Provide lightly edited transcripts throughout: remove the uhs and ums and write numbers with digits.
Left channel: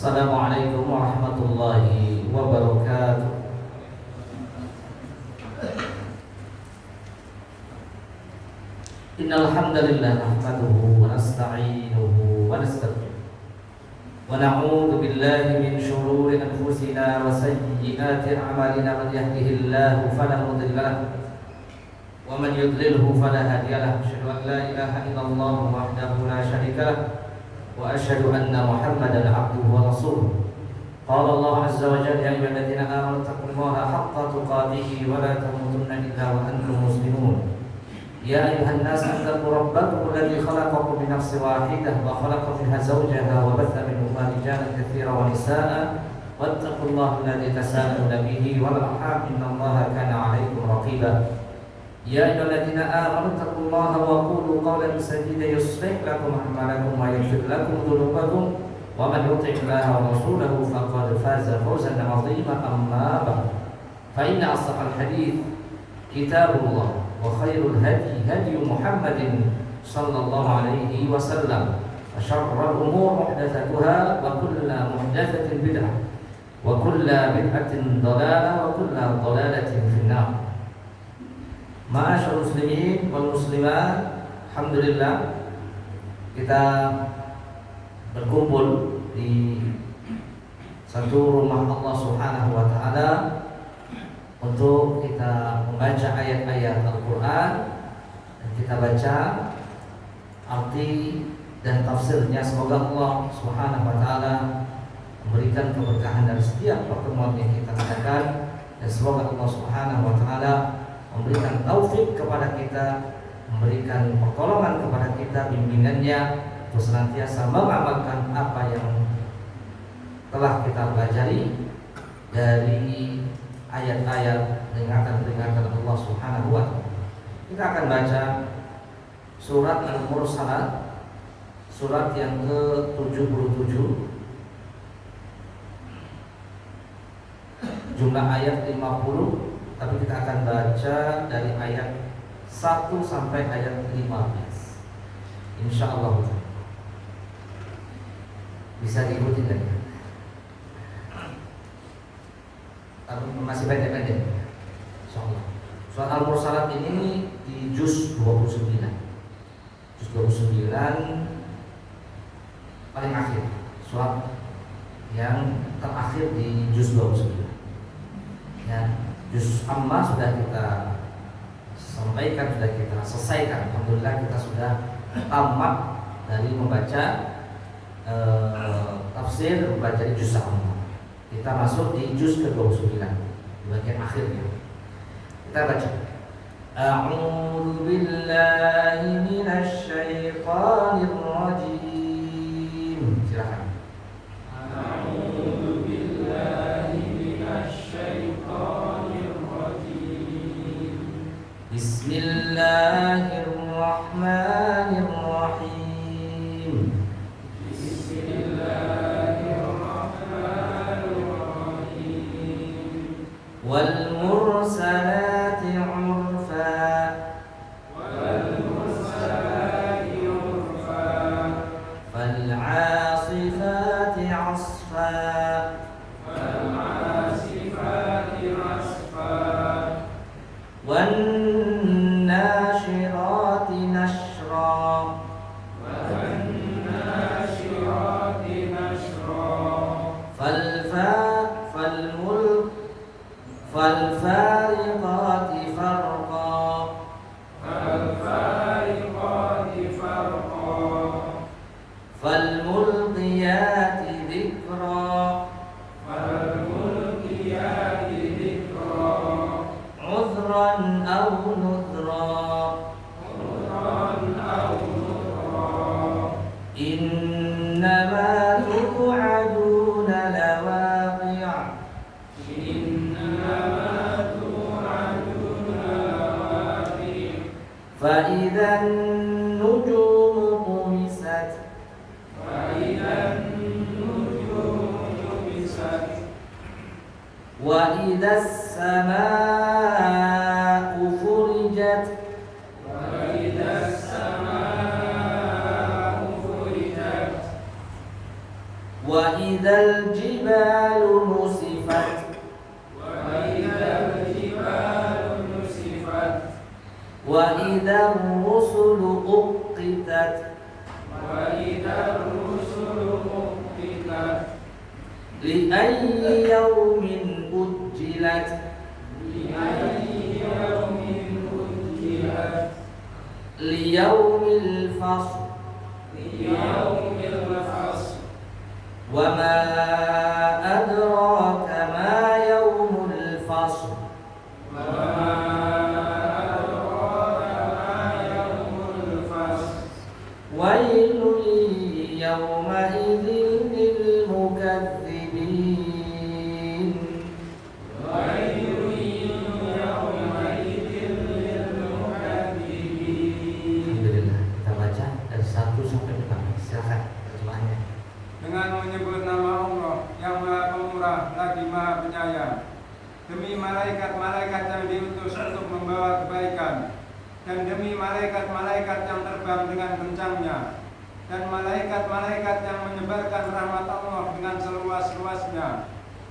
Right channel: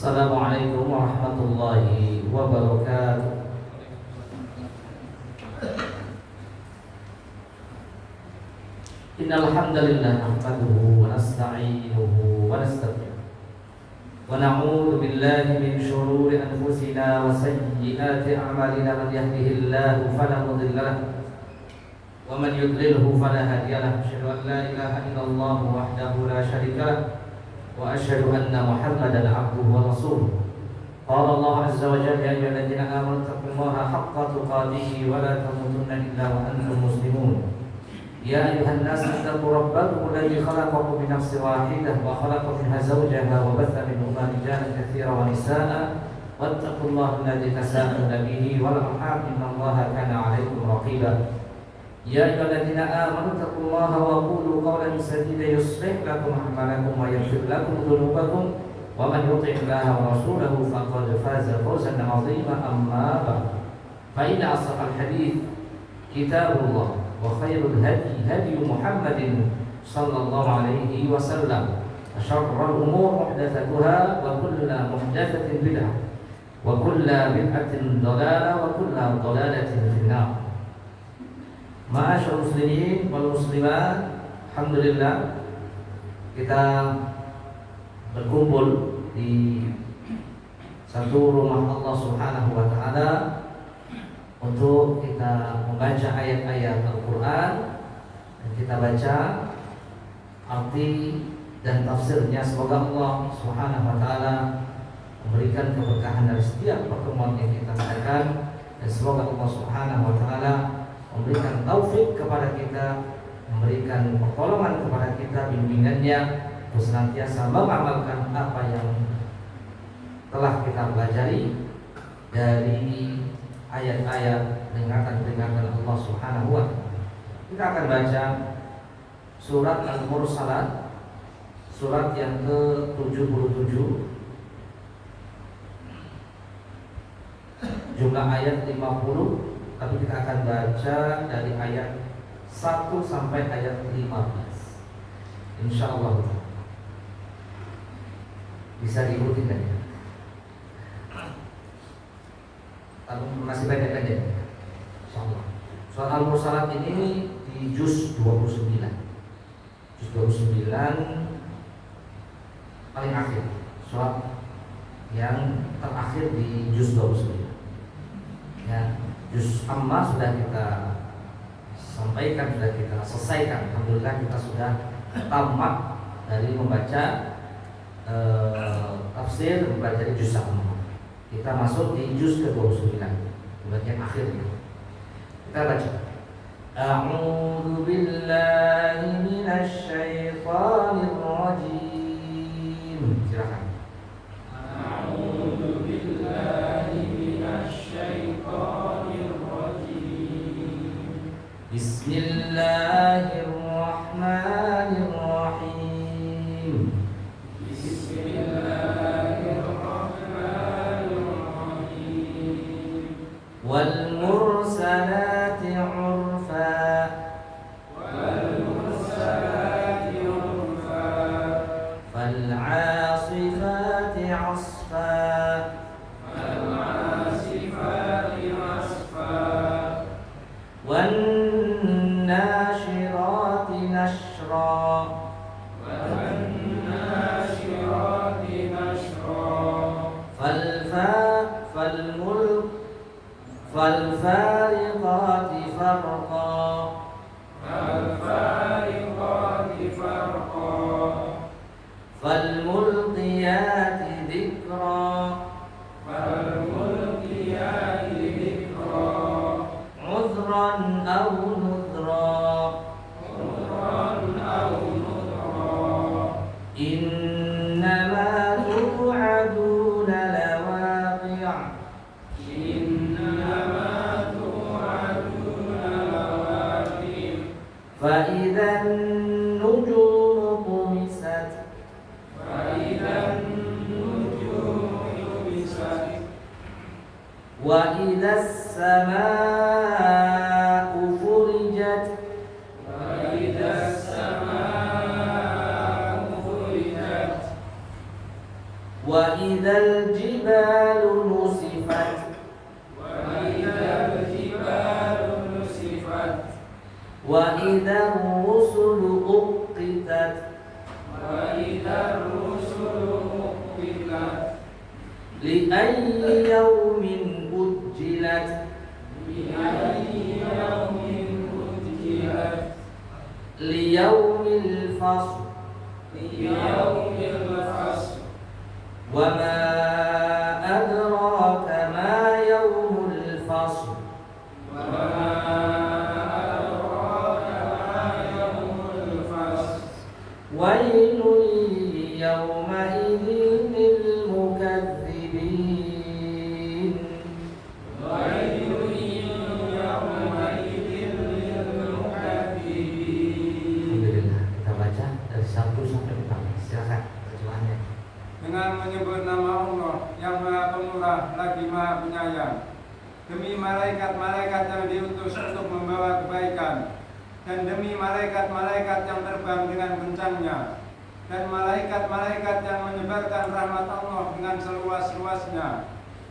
Assalamualaikum warahmatullahi wabarakatuh. Innal hamdalillah nahmaduhu wa nasta'inuhu wa nastaghfiruh wa na'udzu billahi min shururi anfusina wa sayyiati a'malina. Man yahdihillahu fala mudilla lahu wa man yudlilhu fala hadiya lahu. Asyhadu an la ilaha illallah wahdahu la syarika lahu wa asyhadu anna Muhammadan 'abduhu wa rasuluh. Qala Allah azza wa jalla, ya ayyuhalladzina amanu taqullaha haqqa tuqatih wa la tamutunna illa wa antum muslimun. Ya ayyuhan nas ittaqu rabbakum alladzi khalaqakum min nafsin wahidah wa khalaqa minha zawjaha wa batha minhuma rijalan katsiran wa nisaa'a wattaqullaha alladzi tasaaluna bihi wal arham innallaha kana 'alaykum raqiba. Ya ayyuhalladzina amanu taqullaha wa qulu qawlan sadida yuslih lakum a'malakum wa yaghfir lakum dhunubakum wa man yuti'illaha wa rasulahu faqad faza fawzan 'azima. Amma ba'd, fa inna ashrafal hadits kitabullah wa khairul hadi hadi Muhammadin sallallahu alaihi wasallam wa syarrul umur muhdatsatuha wa kullu muhdatsatin bid'ah wa kullu bid'atin dhalalah wa kullu dhalalatin finnar. Ma'asyiral muslimin wal muslimat, alhamdulillah kita berkumpul di satu rumah Allah Subhanahu wa taala untuk kita membaca ayat-ayat Al-Quran dan kita baca arti dan tafsirnya. Semoga Allah Subhanahu wa ta'ala memberikan keberkahan dari setiap pertemuan yang kita lakukan, dan semoga Allah Subhanahu wa ta'ala memberikan taufik kepada kita, memberikan pertolongan kepada kita, bimbingannya untuk senantiasa mengamalkan apa yang telah kita pelajari dari ayat-ayat peringatan Allah Subhanahu wa ta'ala. Kita akan baca surat Al-Mursalat, surat yang ke-77. Jumlah ayat 50, tapi kita akan baca dari ayat 1 sampai ayat 15. Insyaallah bisa diikuti kan ya? Masih pendek-pendek, insyaallah. Surat Al-Mursalat ini di juz 29. Juz 29 paling akhir, surat yang terakhir di juz 29. Ya, juz amma sudah kita sampaikan, sudah kita selesaikan. Alhamdulillah kita sudah tamat dari membaca tafsir, membaca di juz amma. Kita masuk di juz ke-29, di bagian akhirnya. Kita baca. A'udzu billahi minasy syaithanir rajim. Silakan. A'udzu billahi minasy syaithanir rajim. Bismillahirrahmanirrahim. Wal mursalati 'urfa. Fal 'asifati 'asfa. Wan nashirati nashra. فالفارقات فرقا. فالملقيات ذكرا. عذرا أو نذرا. إنما توعدون لواقع. فإذا النجوم طمست. وإذا السماء فرجت. Wa idzal jibalu nusifat. Wa idzar rusulu uqitat. Li ayyi yawmin ujjilat. Li yawmil fasl. Wa ma adraka ma yawmul fasl. Wailun yawma idzin lil mukatsibin. Alhamdulillah, kita baca dari 1 sampai 4. Silakan terjemahannya. Dengan menyebut nama Allah yang Maha Pemurah lagi Maha Penyayang, demi malaikat-malaikat yang diutus untuk membawa kebaikan, dan demi malaikat-malaikat yang terbang dengan kencangnya, dan malaikat-malaikat yang menyebarkan rahmat Allah dengan seluas-luasnya,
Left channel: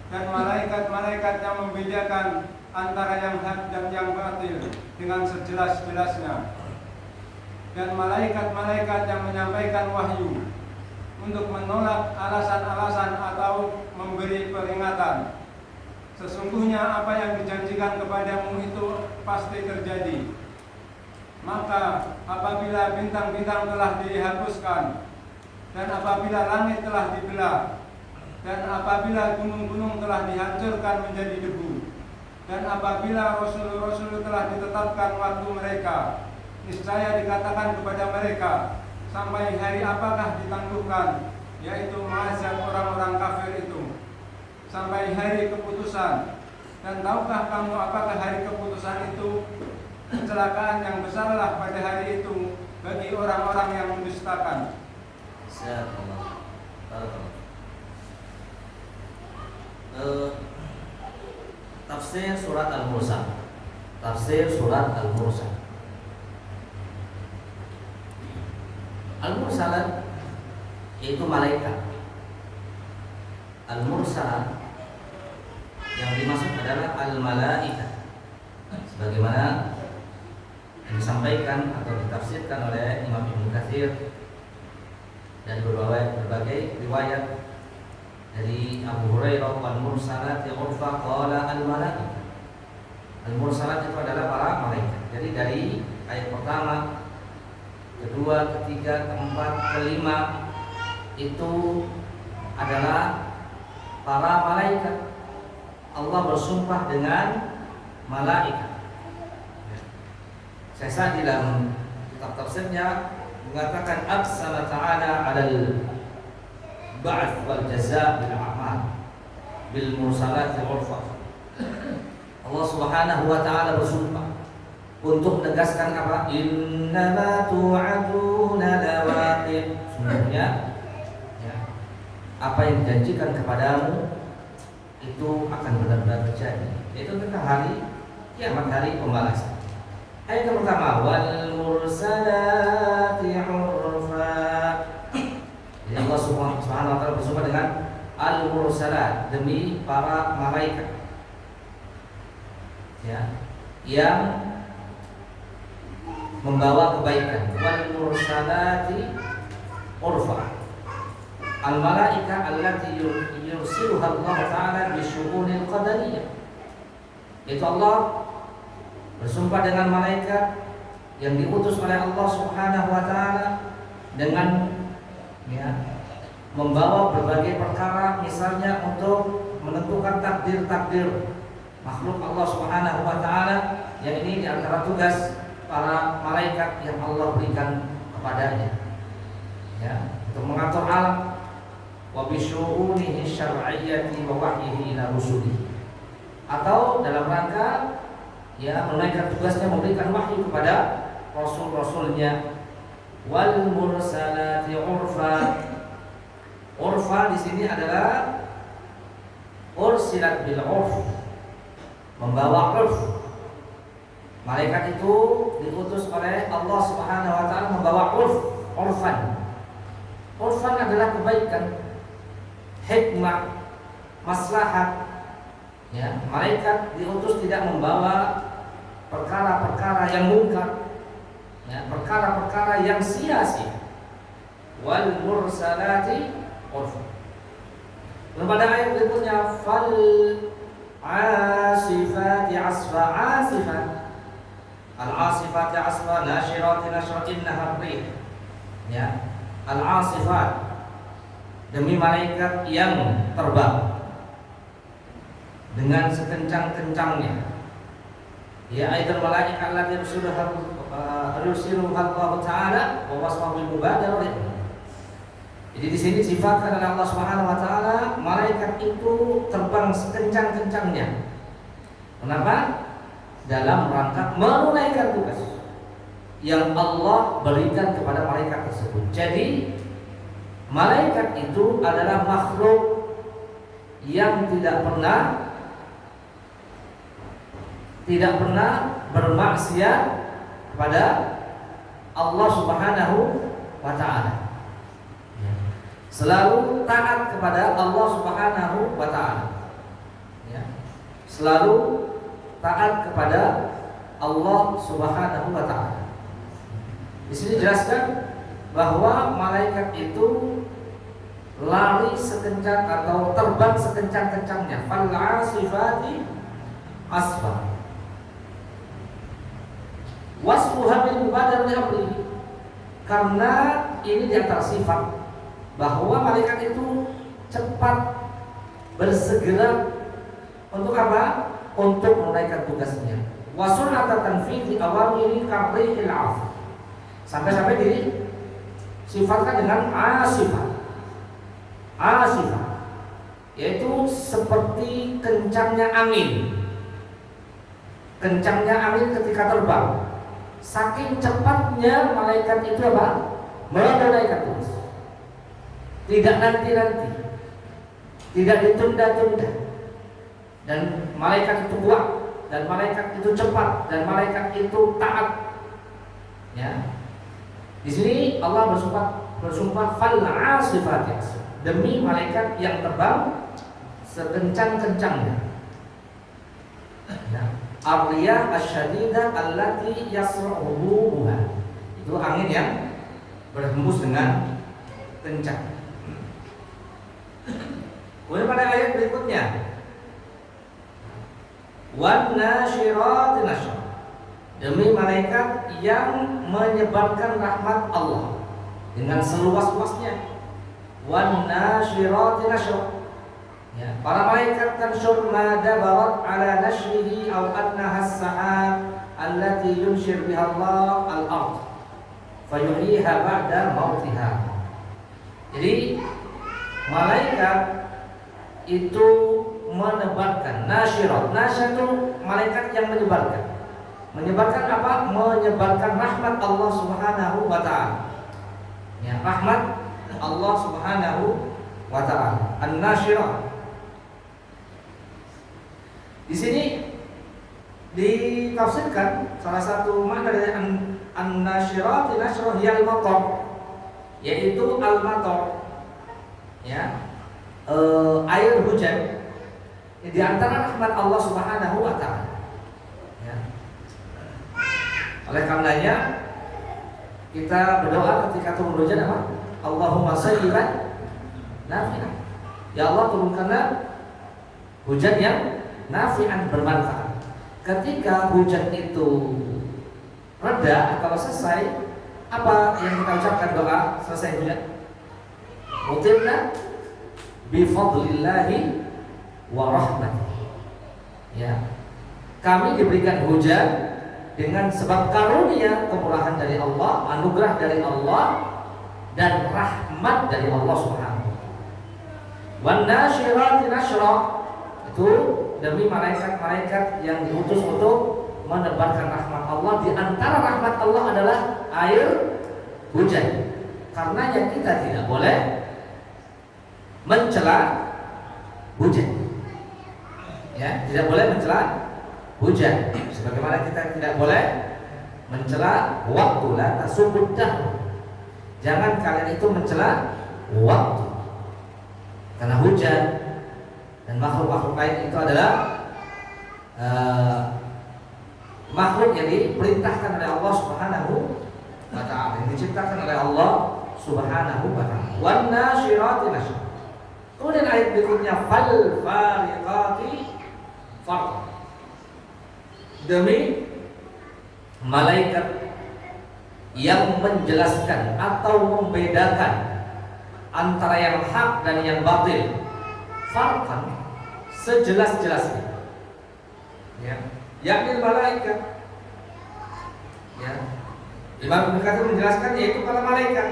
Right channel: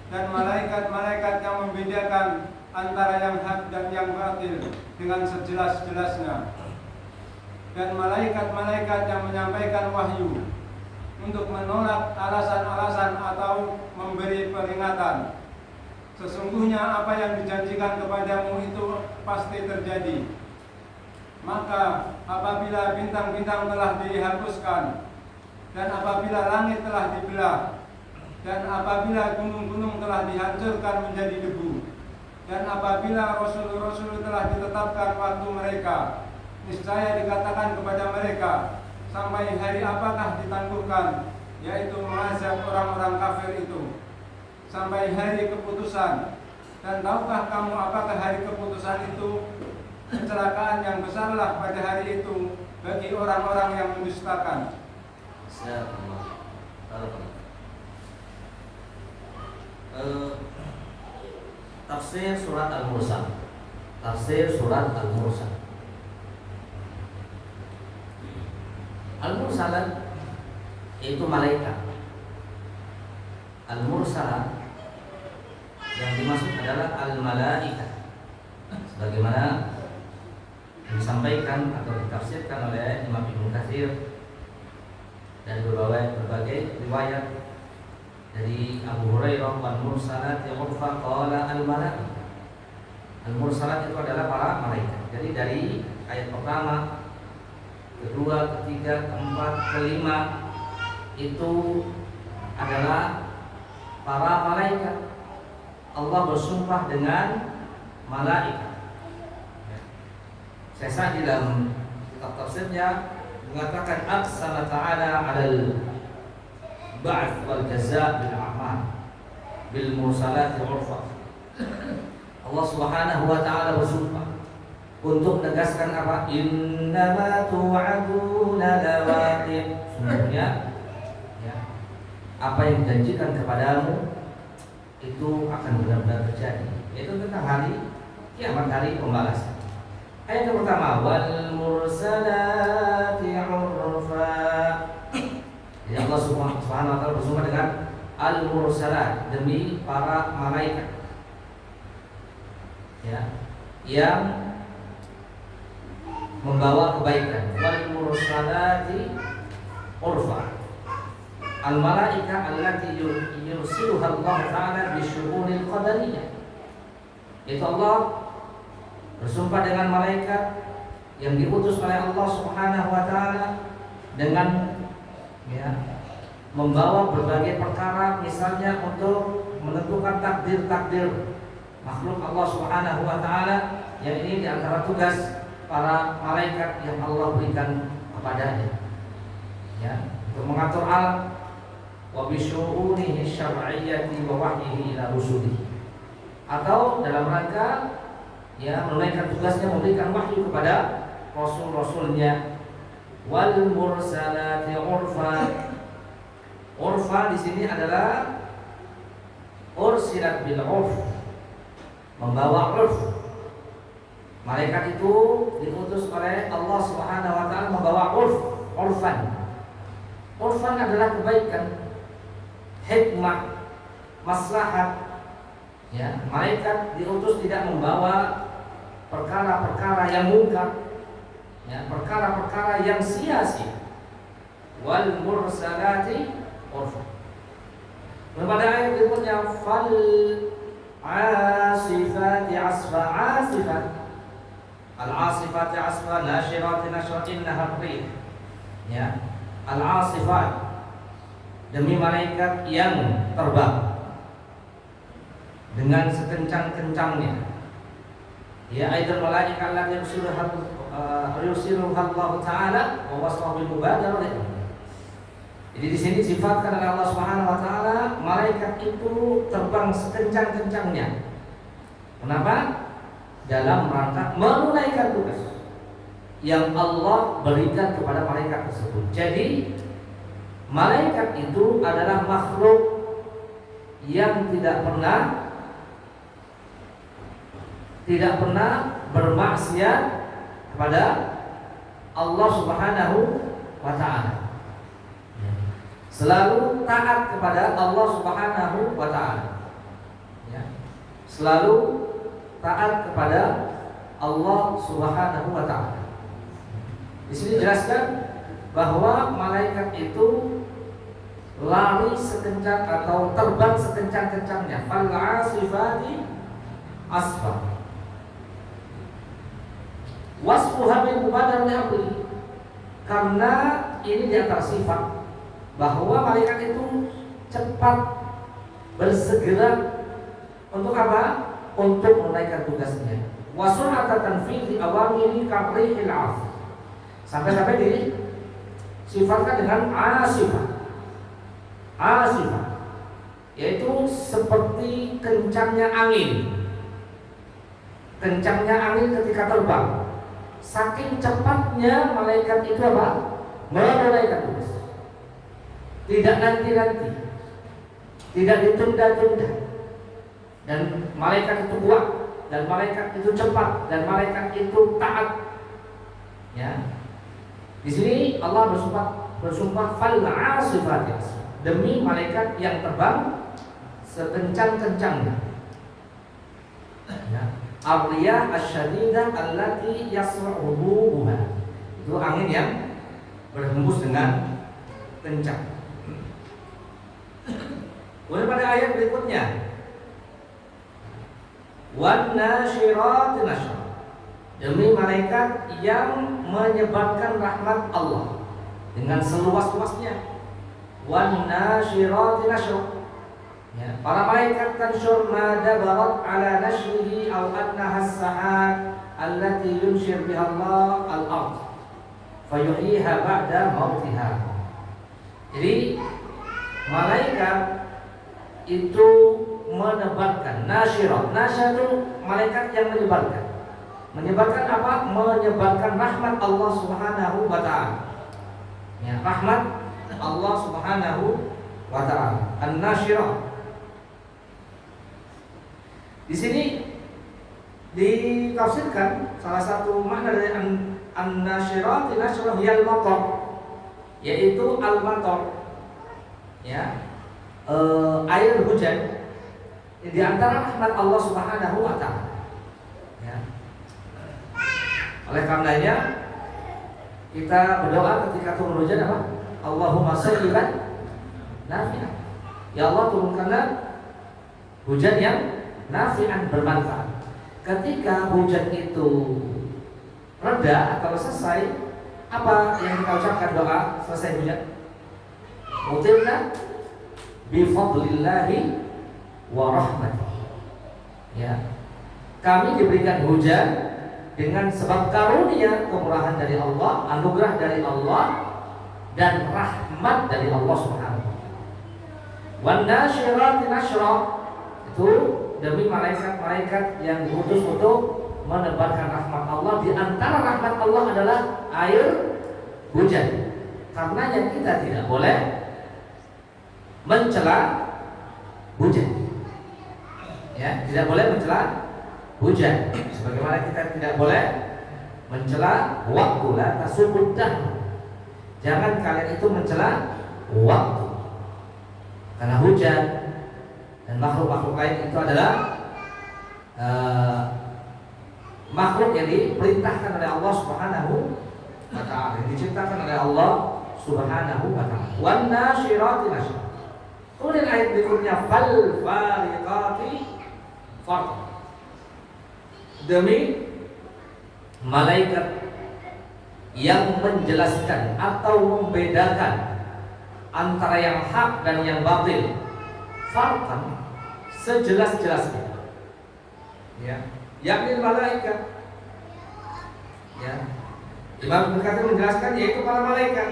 dan malaikat-malaikat yang membedakan antara yang hak dan yang batil dengan sejelas-jelasnya, dan malaikat-malaikat yang menyampaikan wahyu untuk menolak alasan-alasan atau memberi peringatan. Sesungguhnya apa yang dijanjikan kepadamu itu pasti terjadi. Maka apabila bintang-bintang telah dihapuskan, dan apabila langit telah dibelah, dan apabila gunung-gunung telah dihancurkan menjadi debu, dan apabila rasul-rasul telah ditetapkan waktu mereka, niscaya dikatakan kepada mereka, sampai hari apakah ditangguhkan, yaitu mengazab orang-orang kafir itu, sampai hari keputusan. Dan tahukah kamu apakah hari keputusan itu? Kecelakaan yang besarlah pada hari itu bagi orang-orang yang mendustakan. Tafsir surat Al-Mursal. Tafsir surat Al-Mursal. Al-Mursalat itu malaikat. Al-Mursalat yang dimaksud adalah al-malaika, sebagaimana yang disampaikan atau ditafsirkan oleh Imam Ibnu Katsir dari berbagai riwayat dari Abu Hurairah, wal mursalati urfa qala al malaika. Al mursalat itu adalah para malaikat. Jadi dari ayat pertama, kedua, ketiga, keempat, kelima itu adalah para malaikat. Allah bersumpah dengan malaikat. Saya di dalam kitab tafsirnya mengatakan aqsama ta'ala 'alal ba'ts wal jazaa' bil a'mal bil mursalati urfa. Allah Subhanahu wa taala bersumpah untuk menegaskan apa? Innama tu'aduna lawaqi'. Sebenarnya ya, apa yang dijanjikan kepadamu itu akan benar-benar terjadi. Itu tentang hari kiamat, hari pembalasan. Ayat yang pertama, wal mursalati urfa. Jadi Allah Subhanahu wa taala bersumpah dengan al mursalat, demi para malaikat ya, yang membawa kebaikan. Wal mursalati urfa. Al malaika allati yursiluha Allah taala bi syu'unil qadariyah. Itu Allah bersumpah dengan malaikat yang diutus oleh Allah Subhanahu wa taala dengan ya, membawa berbagai perkara, misalnya untuk menentukan takdir-takdir makhluk Allah Subhanahu wa taala, yang ini diantara tugas para malaikat yang Allah berikan kepadanya ya, untuk mengatur alam wa bisyu'unihi syar'iyyati wa wahyihi ila rusulihi, atau dalam rangka ya menunaikan tugasnya memberikan wahyu kepada rasul-rasulnya. Wal mursalati urfa. Urfa di sini adalah ursilat bil urf, membawa urf. Malaikat itu diutus oleh Allah Subhanahu wa taala membawa urf, urfan. Urfan adalah kebaikan. hikmah, maslahat. Ya, malaikat diutus tidak membawa perkara-perkara yang mungkar, ya, perkara-perkara yang sia-sia. Wal mursalati urfa. Pada ayat berikutnya, fal asifati asfa, asifat, al asifati asfa, nasyirati nashra, innaha rih. Ya, al asifat, demi malaikat yang terbang dengan sekencang-kencangnya. Ya, aidan malaikat allati yursiluha Allah Ta'ala wa wasfa bil mubadarah. Jadi di sini sifatkan oleh Allah Subhanahu wa taala, malaikat itu terbang sekencang-kencangnya. Kenapa? Dalam rangka menunaikan tugas yang Allah berikan kepada malaikat tersebut. Jadi malaikat itu adalah makhluk yang tidak pernah bermaksiat kepada Allah Subhanahu wa taala. Selalu taat kepada Allah Subhanahu wa taala. Ya. Selalu taat kepada Allah Subhanahu wa taala. Di sini jelaskan bahwa malaikat itu lari sekencang atau terbang sekencang-kencangnya. Fal asifati asfa. Wasfuha bil mubadarah li amri. Karena ini di antara sifat bahwa malaikat itu cepat bersegera untuk apa? Untuk menunaikan tugasnya. Wasunata tanfidhi awamiri kabrihil af. Sampai-sampai disifatkan dengan asifah. Asifah, yaitu seperti kencangnya angin. Kencangnya angin ketika terbang. Saking cepatnya malaikat itu apa? Menunaikan tugas. Tidak nanti-nanti, tidak ditunda-tunda. Dan malaikat itu kuat, dan malaikat itu cepat, dan malaikat itu taat. Ya. Di sini Allah bersumpah fal asifati, demi malaikat yang terbang sekencang-kencangnya. Ya. Ar-riyah asyadidah allati yasra'uha. Itu angin yang berhembus dengan kencang. Kemudian pada ayat berikutnya, wan nasyirati nashra, demi malaikat yang menyebarkan rahmat Allah dengan seluas-luasnya. Wan nasyirati nashra, ya, para malaikat tansyur ma dabarat ala nashrihi aw annaha as-sahab allati yunshir biha Allah al-ard fayuhyiha ba'da mautiha. Jadi malaikat itu menebarkan, nasyirat. Nasyir itu malaikat yang menyebarkan. Menyebarkan apa? Menyebarkan rahmat Allah Subhanahu wa taala. Ya, rahmat Allah Subhanahu wa taala. An-nasyirah. Di sini ditafsirkan salah satu makna dari an-nasyirah, nasyirah yang matar, yaitu al-matar. Ya. Air hujan di antara rahmat Allah Subhanahu wa taala. Ya. Oleh karenanya kita berdoa ketika turun hujan apa? Allahumma sayyiban nafi'an. Ya Allah, turunkanlah hujan yang nafi'an, bermanfaat. Ketika hujan itu reda atau selesai, apa yang kita ucapkan doa selesai hujan? Mutirna bifadlillahi wa rahmatihi. Ya. Kami diberikan hujan dengan sebab karunia, kemurahan dari Allah, anugerah dari Allah, dan rahmat dari Allah Subhanahu wa taala. Wan nasyirati nashra, itu demi malaikat-malaikat yang diutus untuk menebarkan rahmat Allah. Di antara rahmat Allah adalah air hujan. Karenanya kita tidak boleh mencela hujan. Ya, tidak boleh mencela hujan. Sebagaimana kita tidak boleh mencela waktu, la tasubud dahr. Jangan kalian itu mencela waktu. tanah hujan dan makhluk-makhluk lain itu adalah makhluk yang diperintahkan oleh Allah Subhanahu wa ta'ala, yang diciptakan oleh Allah Subhanahu wa ta'ala. Wan nasyirati nasyra. Kemudian ayat berikutnya fal fariqati farqa. Demi malaikat yang menjelaskan atau membedakan antara yang hak dan yang batil, farqan, sejelas-jelasnya. Ya, yakni malaikat. Ya. Imam Ibnu Katsir menjelaskan yaitu para malaikat.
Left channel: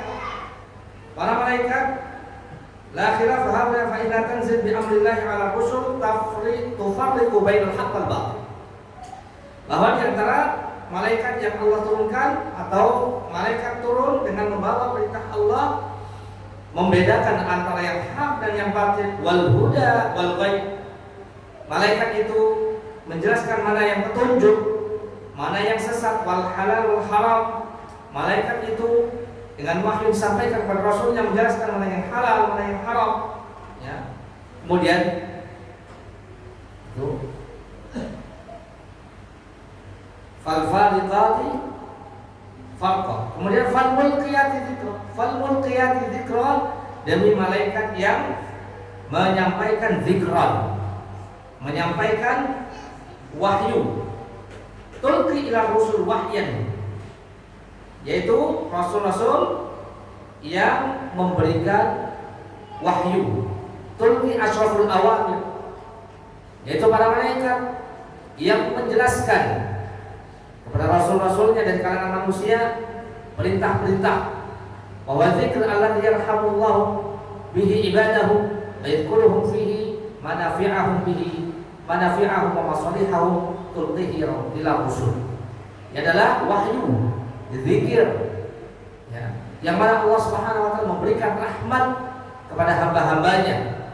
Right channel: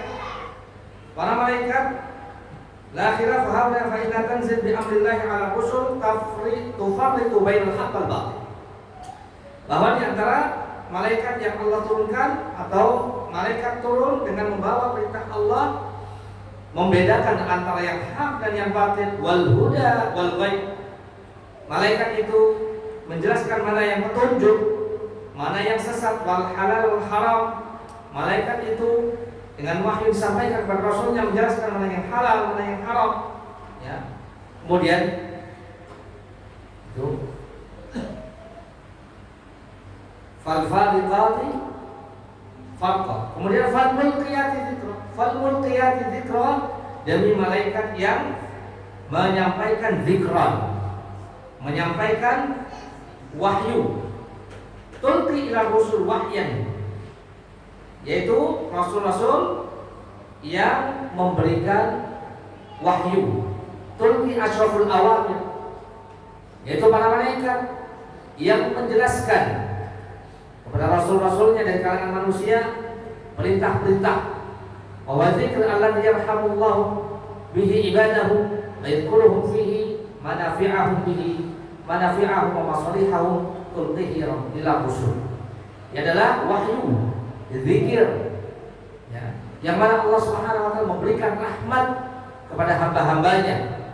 Para malaikat la khilaf hadza fa inna tanzil bi amrillah 'ala rusul tufarriqu bainal haqq wal batil. Bahwa di antara malaikat yang Allah turunkan atau malaikat turun dengan membawa perintah Allah membedakan antara yang hak dan yang batil, wal huda wal ghaib. Malaikat itu menjelaskan mana yang petunjuk, mana yang sesat, wal halal wal haram. Malaikat itu dengan wahyu disampaikan kepada Rasulnya menjelaskan mana yang halal, mana yang haram. Ya. Kemudian itu fal fariqati farqa. Kemudian fal mulqiyati dzikra. Fal mulqiyati dzikra, demi malaikat yang menyampaikan zikran, menyampaikan wahyu. Tulqi ila rusul wahyan, yaitu rasul-rasul yang memberikan wahyu. Tulqi asyraful awamir, yaitu para malaikat yang menjelaskan kepada rasul-rasulnya dari kalangan manusia perintah-perintah. Wa dzikr alladzi yarhamullahu bihi ibadahu wa yadhkuruhum fihi manafi'ahum wa masalihahum tulqihi ila rusul. Ini adalah wahyu, zikir, ya, yang mana Allah Subhanahu wa taala memberikan rahmat kepada hamba-hambanya,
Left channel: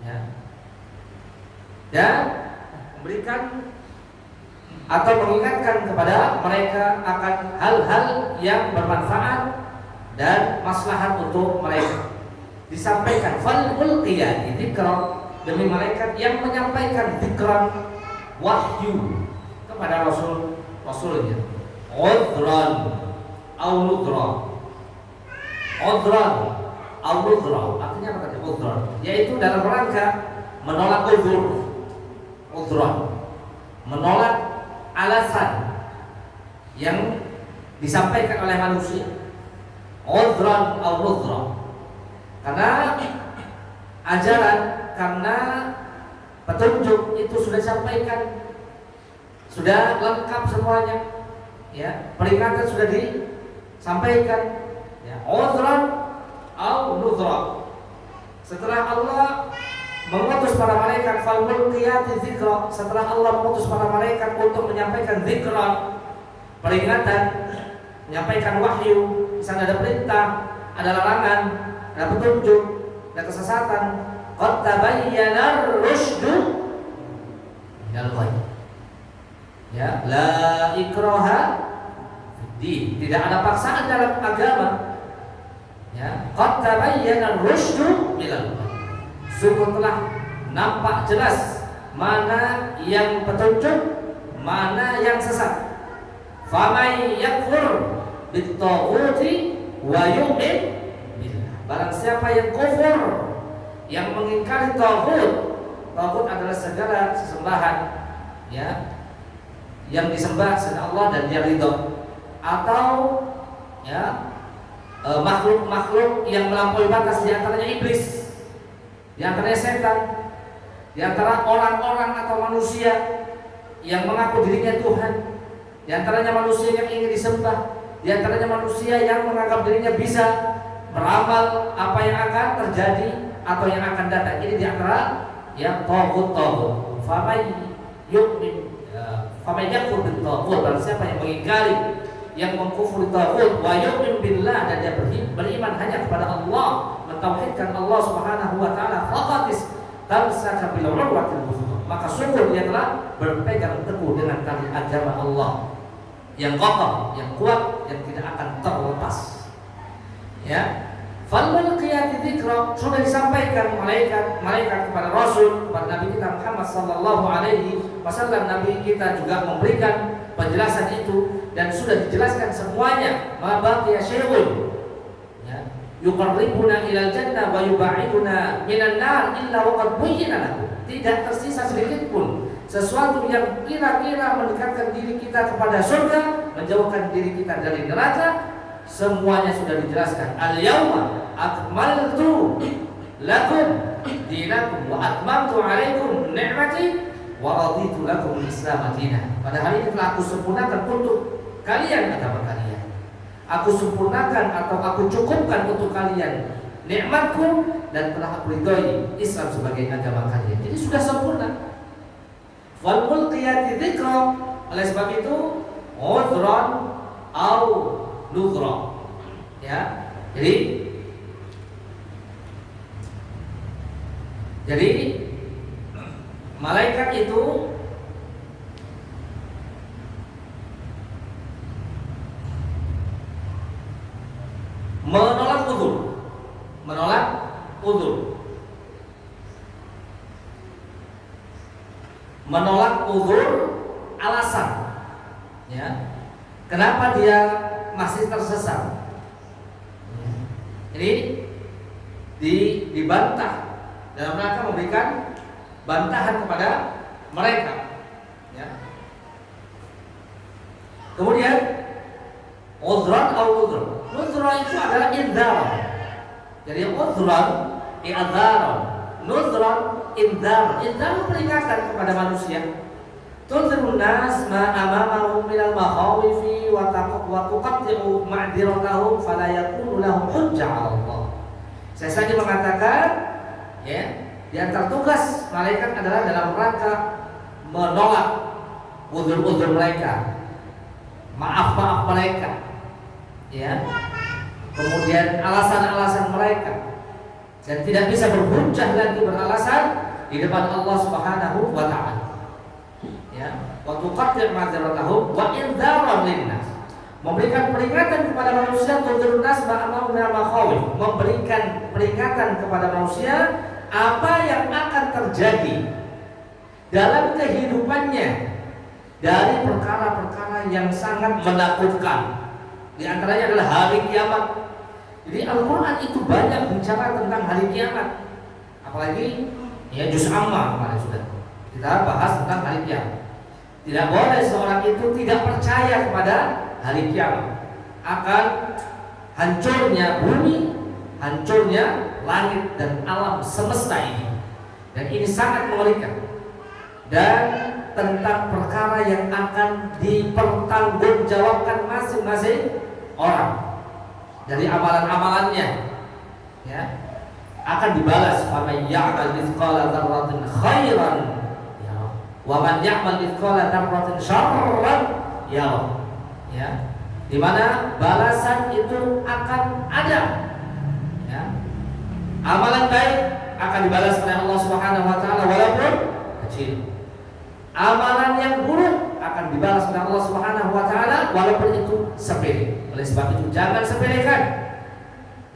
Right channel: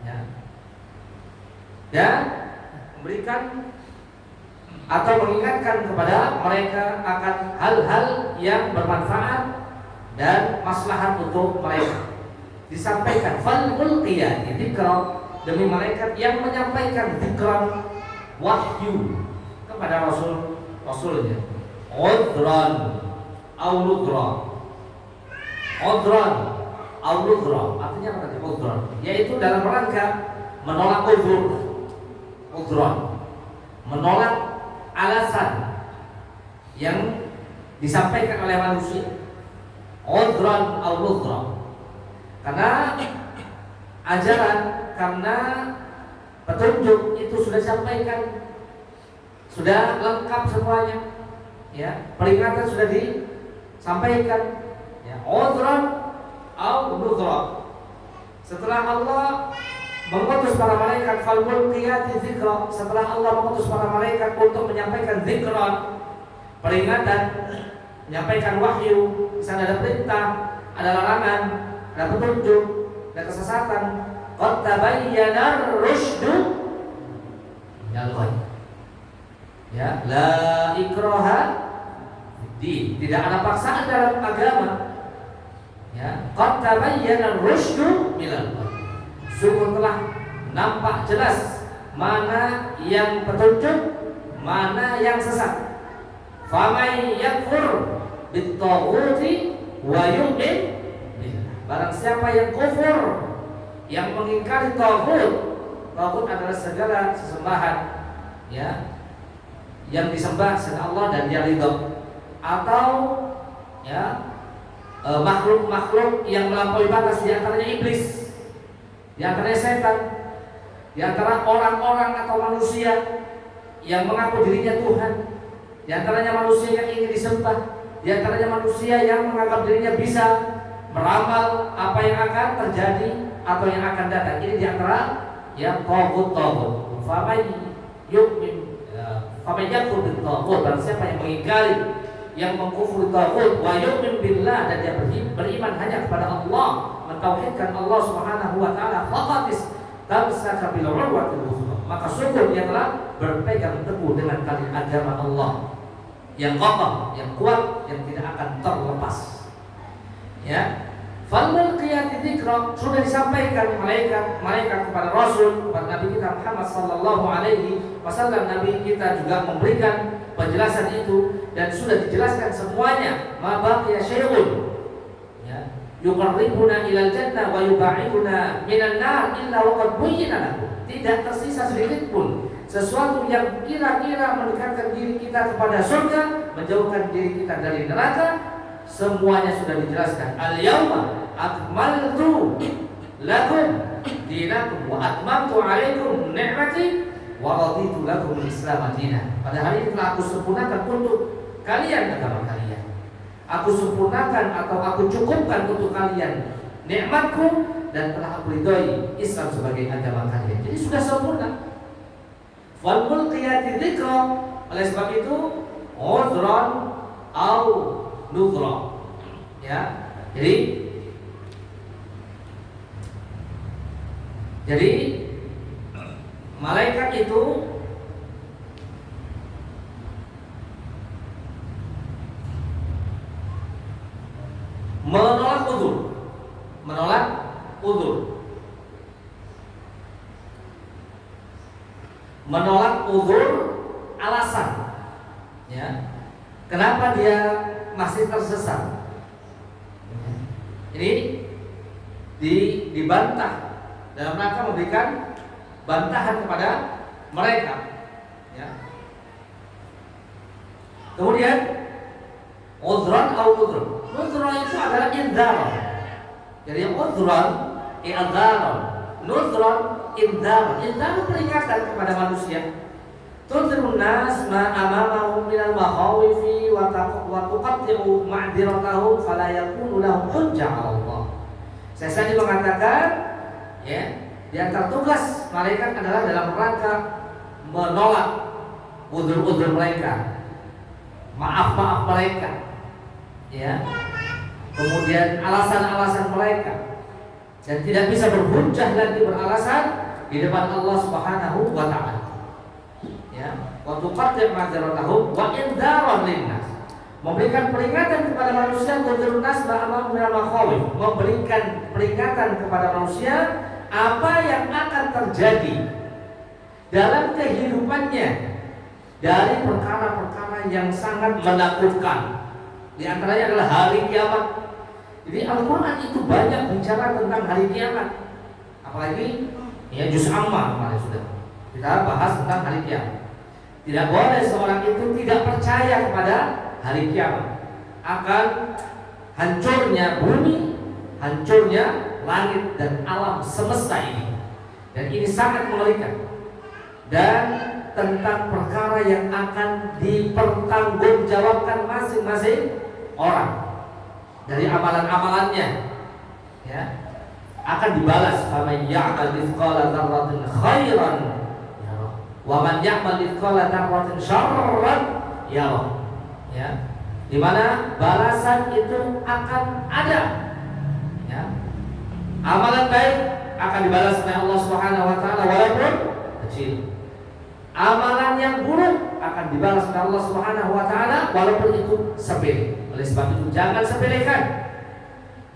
ya, dan memberikan atau mengingatkan kepada mereka akan hal-hal yang bermanfaat dan maslahat untuk mereka. Disampaikan fal mulqiyati dzikra, demi malaikat yang menyampaikan dzikran, wahyu kepada rasulnya. Udran au nudra. Udran au nudra artinya apa tadi? Udran yaitu dalam rangka menolak uzur. Udran menolak alasan yang disampaikan oleh manusia. Udran au nudra, karena ajaran, karena petunjuk itu sudah disampaikan, sudah lengkap semuanya, ya, peringatan sudah disampaikan, ya. Udran au nudra. Setelah Allah mengutus para malaikat fal mulqiyati dzikra, setelah Allah mengutus para malaikat untuk menyampaikan dzikran, peringatan, menyampaikan wahyu, di sana ada perintah, ada larangan, ada petunjuk, ada kesesatan. Qad tabayyana ar-rusydu minal ghayy. Ya, la ikraha fiddin, tidak ada paksaan dalam agama. Ya, qad tabayyana ar-rusydu minal ghayy. Sungguh telah nampak jelas mana yang petunjuk, mana yang sesat. Faman yakfur bit-taghuti wa yu'min billah. Barang siapa yang kufur, yang mengingkari taghut. Taghut adalah segala sesembahan, ya, yang disembah selain Allah dan dia ridho, atau ya makhluk-makhluk yang melampaui batas, di antaranya iblis, di antaranya setan, di antara orang-orang atau manusia yang mengaku dirinya Tuhan, di antaranya manusia yang ingin disembah, di antaranya manusia yang menganggap dirinya bisa meramal apa yang akan terjadi atau yang akan datang. Ini di antara ya taghut. Faman yu'min, faman yakfur bit-taghut, barang siapa yang mengingkari, yang mengkufuri taghut, wa yu'min billah, dan dia beriman hanya kepada Allah, mentauhidkan Allah Subhanahu wa taala, faqad tamsaka bil urwatil wuthqa, maka sungguh dia telah berpegang teguh dengan tali agama Allah yang kokoh, yang kuat, yang tidak akan terlepas. Ya, fal mulqiyati dzikra, sudah disampaikan malaikat kepada Rasul, kepada Nabi kita Muhammad sallallahu alaihi wasallam. Nabi kita juga memberikan penjelasan itu dan sudah dijelaskan semuanya. Ma baqiya syai'un ya yuqarribuna ilal jannah wa yub'iduna minan nar illa waqad buyyina lahu. Tidak tersisa sedikit pun sesuatu yang kira-kira mendekatkan diri kita kepada surga, menjauhkan diri kita dari neraka. Semuanya sudah dijelaskan. Al-yauma akmaltu lakum dinakum wa atmamtu alaikum ni'mati wa raditu lakum al-islam dinan. Pada hari ini telah aku sempurnakan untuk kalian agama kalian. Aku sempurnakan atau aku cukupkan untuk kalian nikmatku dan telah aku ridhoi Islam sebagai agama kalian. Jadi sudah sempurna. Wal mulqiyati dzikra, oleh sebab itu udhran au nudhra. Ya. Jadi malaikat itu menolak uzur alasan ya kenapa dia masih tersesat. Ini dibantah dalam rangka memberikan bantahan kepada mereka ya. Kemudian udhran atau nudhran. Nudhran itu adalah indharan. Jadi udhran i'dharan, nudhran indharan. Indharan peringatan kepada manusia. Tunzirun nas ma amamahum minal makhawifi wa tuqatti'u ma'diratahum fala yakunu lahum hujjah 'ala Allah. Saya saja mengatakan ya, di antara tugas malaikat adalah dalam rangka menolak uzur-uzur mereka, maaf mereka ya, kemudian alasan-alasan mereka, dan tidak bisa berhujjah lagi beralasan di depan Allah Subhanahu wa taala. Ya, wa tuqatti'u ma'diratahum wa indharan linnas. Memberikan peringatan kepada manusia, tunzirun nas ma'amahum minal makhawif, memberikan peringatan kepada manusia apa yang akan terjadi dalam kehidupannya dari perkara-perkara yang sangat menakutkan. Di antaranya adalah hari kiamat. Jadi Al-Quran itu banyak bicara tentang hari kiamat. Apalagi ya juz amma kemarin sudah kita bahas tentang hari kiamat. Tidak boleh seorang itu tidak percaya kepada hari kiamat, akan hancurnya bumi, hancurnya langit dan alam semesta ini. Dan ini sangat mengerikan. Dan tentang perkara yang akan dipertanggungjawabkan masing-masing orang dari amalan-amalannya ya, akan dibalas. Faman ya'mal mithqala dzarratin khairan yarah wa man ya'mal mithqala dzarratin syarran yarah. Ya, di mana balasan itu akan ada. Ya. Amalan baik akan dibalas oleh Allah Subhanahu wa taala walaupun kecil. Amalan yang buruk akan dibalas oleh Allah Subhanahu wa taala walaupun itu sepele. Oleh sebab itu jangan sepelekan.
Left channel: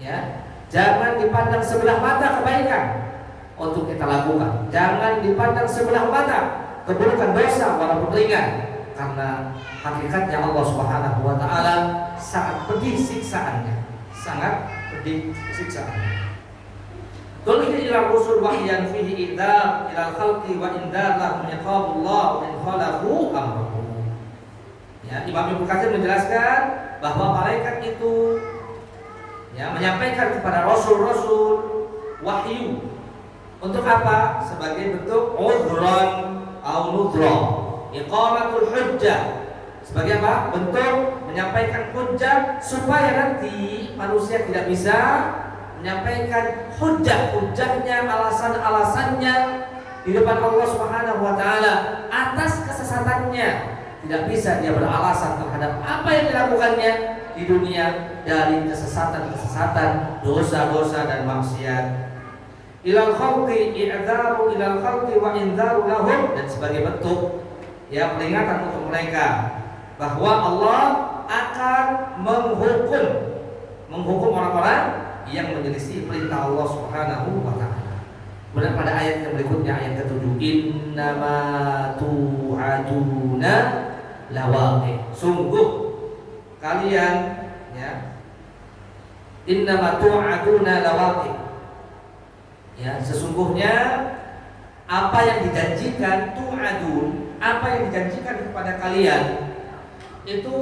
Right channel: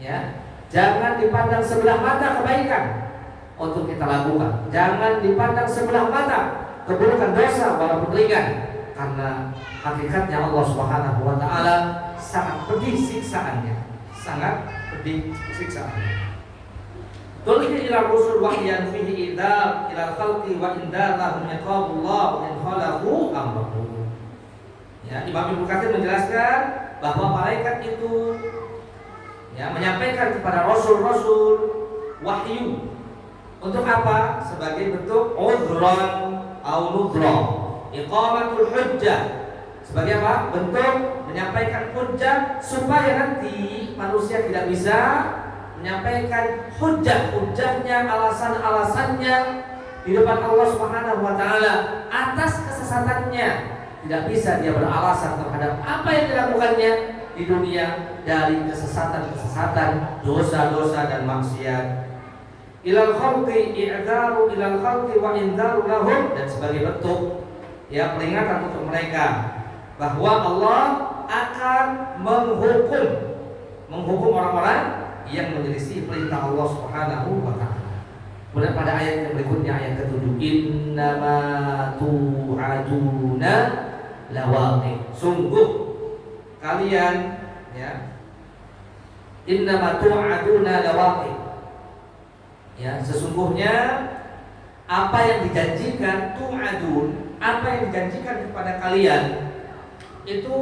Ya. Jangan dipandang sebelah mata kebaikan untuk kita lakukan. Jangan dipandang sebelah mata keburukan dosa walaupun ringan, karena hakikatnya Allah Subhanahu wa taala sangat pedih siksaannya. Tulhi ila rusul wahyan fihi idzar ila khalqi wa indar lahum iqabullah wa in khalahu amruhu. Ya, Imam Ibnu Katsir menjelaskan bahwa malaikat itu ya menyampaikan kepada rasul-rasul wahyu. Untuk apa? Sebagai bentuk udhran au nudhran, iqamatul hujjah. Sebagai apa? Bentuk menyampaikan hujjah supaya nanti manusia tidak bisa menyampaikan hujjahnya, alasan-alasannya di depan Allah Subhanahu wa taala atas kesesatannya. Tidak bisa dia beralasan terhadap apa yang dilakukannya di dunia dari kesesatan-kesesatan, dosa-dosa dan maksiat. Ilal khalqi i'dharu ilal khalqi wa indharu lahum, dan sebagai bentuk ya peringatan untuk mereka bahwa Allah akan menghukum orang-orang yang menyelisih perintah Allah Subhanahu wa taala. Kemudian pada ayat yang berikutnya, ayat ke-7, innama tu'aduna lawaqi. Sungguh kalian, ya, innama tu'aduna lawaqi. Ya, sesungguhnya apa yang dijanjikan, tu'adun, apa yang dijanjikan kepada kalian itu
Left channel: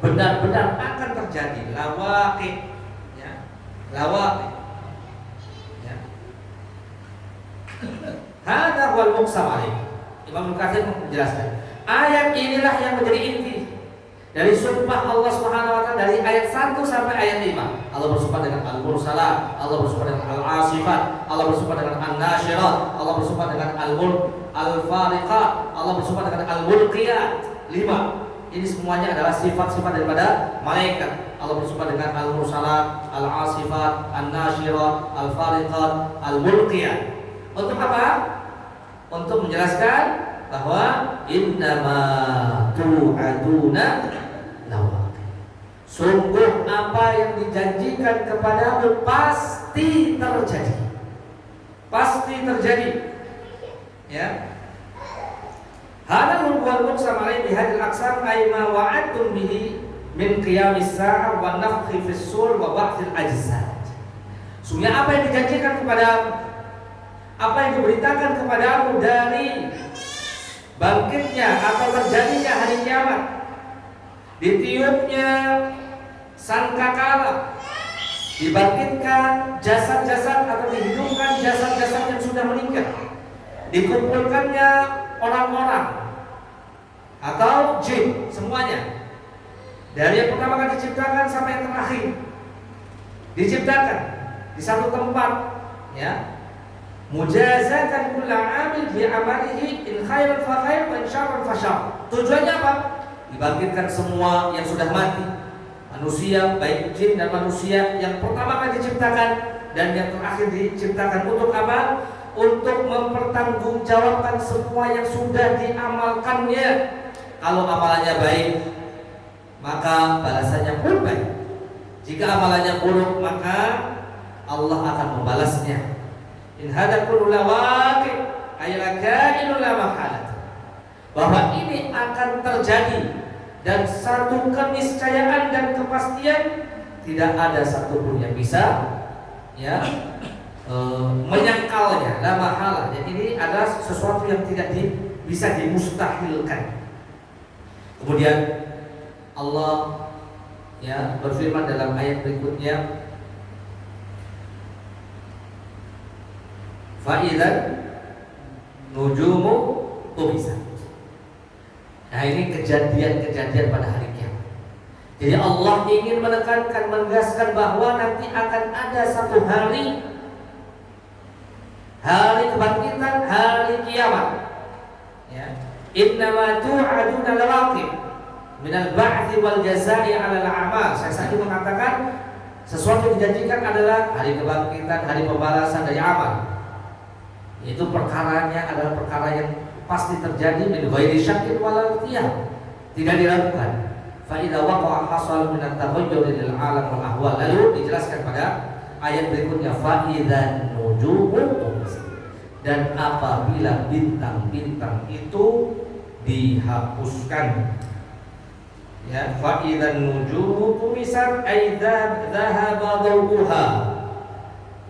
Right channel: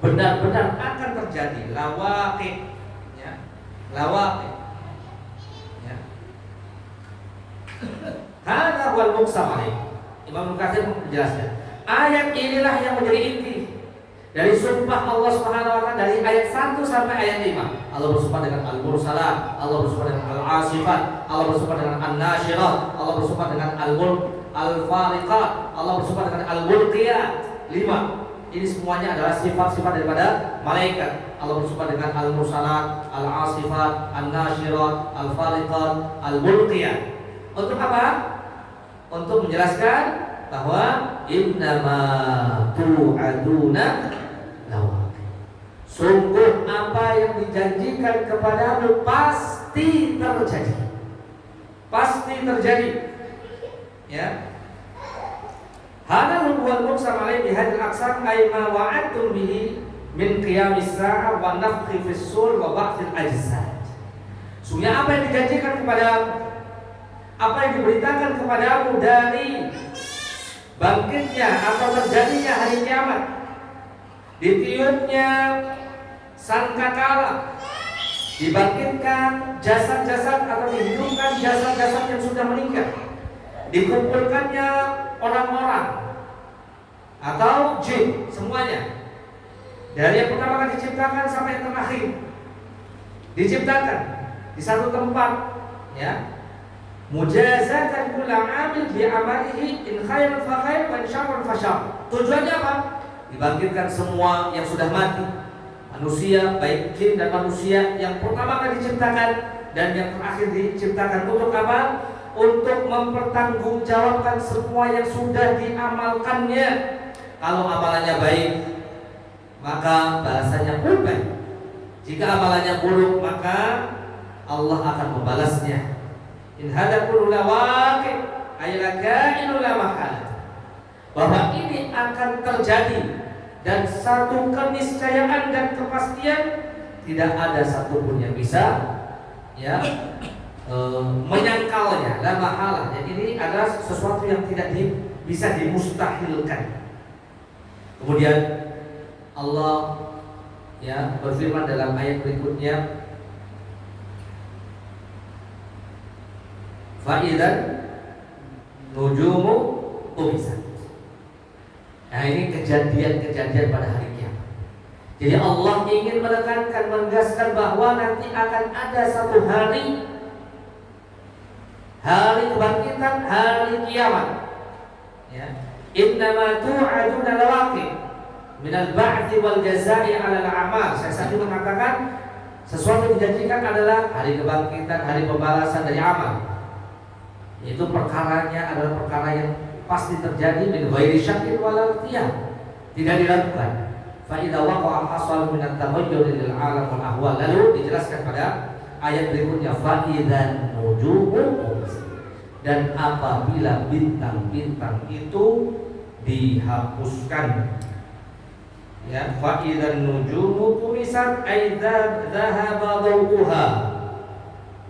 benar-benar akan terjadi. Lawaqi, ya, lawaqi, ya. Hada wal muqsam alaih. Imam Mukatsir menjelaskan ayat inilah yang menjadi inti dari sumpah Allah Subhanahu wa taala dari ayat 1 sampai ayat 5. Allah bersumpah dengan al-mursalat, Allah bersumpah dengan al-asifat, Allah bersumpah dengan an-nasyirat, Allah bersumpah dengan al-fariqat, Allah bersumpah dengan al-mulqiyat. 5. Ini semuanya adalah sifat-sifat daripada malaikat. Allah bersumpah dengan al-mursalat, al-asifat, an-nasyirat, al-fariqat, al-mulqiyat. Untuk apa? Untuk menjelaskan bahwa innama tu'aduna lawaqi. Sungguh apa yang dijanjikan kepadamu pasti terjadi. Pasti terjadi. Ya. Hada huwal muqsam alaihi bihadil aqsam ay ma wa'adtum bihi min qiyamis sa'ah wa nafkhi fis sur wa ba'thil ajsad. Sungguh apa yang dijanjikan kepadamu, apa yang diberitakan kepadamu dari bangkitnya atau terjadinya hari kiamat, ditiupnya sangkakala, dibangkitkan jasad-jasad atau dihidupkan jasad-jasad yang sudah meninggal, dikumpulkannya orang-orang atau jin semuanya, dari yang pertama kali diciptakan sampai yang terakhir diciptakan di satu tempat, ya. Mujazatan kullu 'amil bi 'amalihi in khairan fa khair wa in syarran fa syarr. Tujuannya apa? Dibangkitkan semua yang sudah mati, manusia baik jin dan manusia yang pertama kali diciptakan dan yang terakhir diciptakan, untuk apa? Untuk mempertanggungjawabkan semua yang sudah diamalkannya. Kalau amalannya baik, maka balasannya pun baik. Jika amalannya buruk, maka Allah akan membalasnya. In hada kullu lawaqi ay lakainul la mahalat. Bahwa ini akan terjadi dan satu keniscayaan dan kepastian, tidak ada satupun yang bisa, ya, menyangkalnya. La mahalah. Jadi ini adalah sesuatu yang tidak bisa dimustahilkan. Kemudian Allah, ya, berfirman dalam ayat berikutnya, fa'idzan nujumu tumisat. Nah, ini kejadian-kejadian pada hari kiamat. Jadi Allah ingin menekankan, menegaskan bahwa nanti akan ada satu hari kebangkitan, hari kiamat. Ya. Innama tu'aduna lawaqi minal ba'thi wal jazaa'i 'alal a'mal. Saya tadi mengatakan sesuatu yang dijanjikan adalah hari kebangkitan, hari pembalasan dari amal. Itu perkaranya adalah perkara yang pasti terjadi, min ghairi syakkin wala ikhtiyar, tidak diragukan. Fa idza waqa'a hasal min at-taghayyur lil 'alam wal ahwal. Lalu dijelaskan pada ayat berikutnya, fa idzan nujumu, dan apabila bintang-bintang itu dihapuskan, ya, fa idzan nujumu tumisat ay dhahaba dawuha,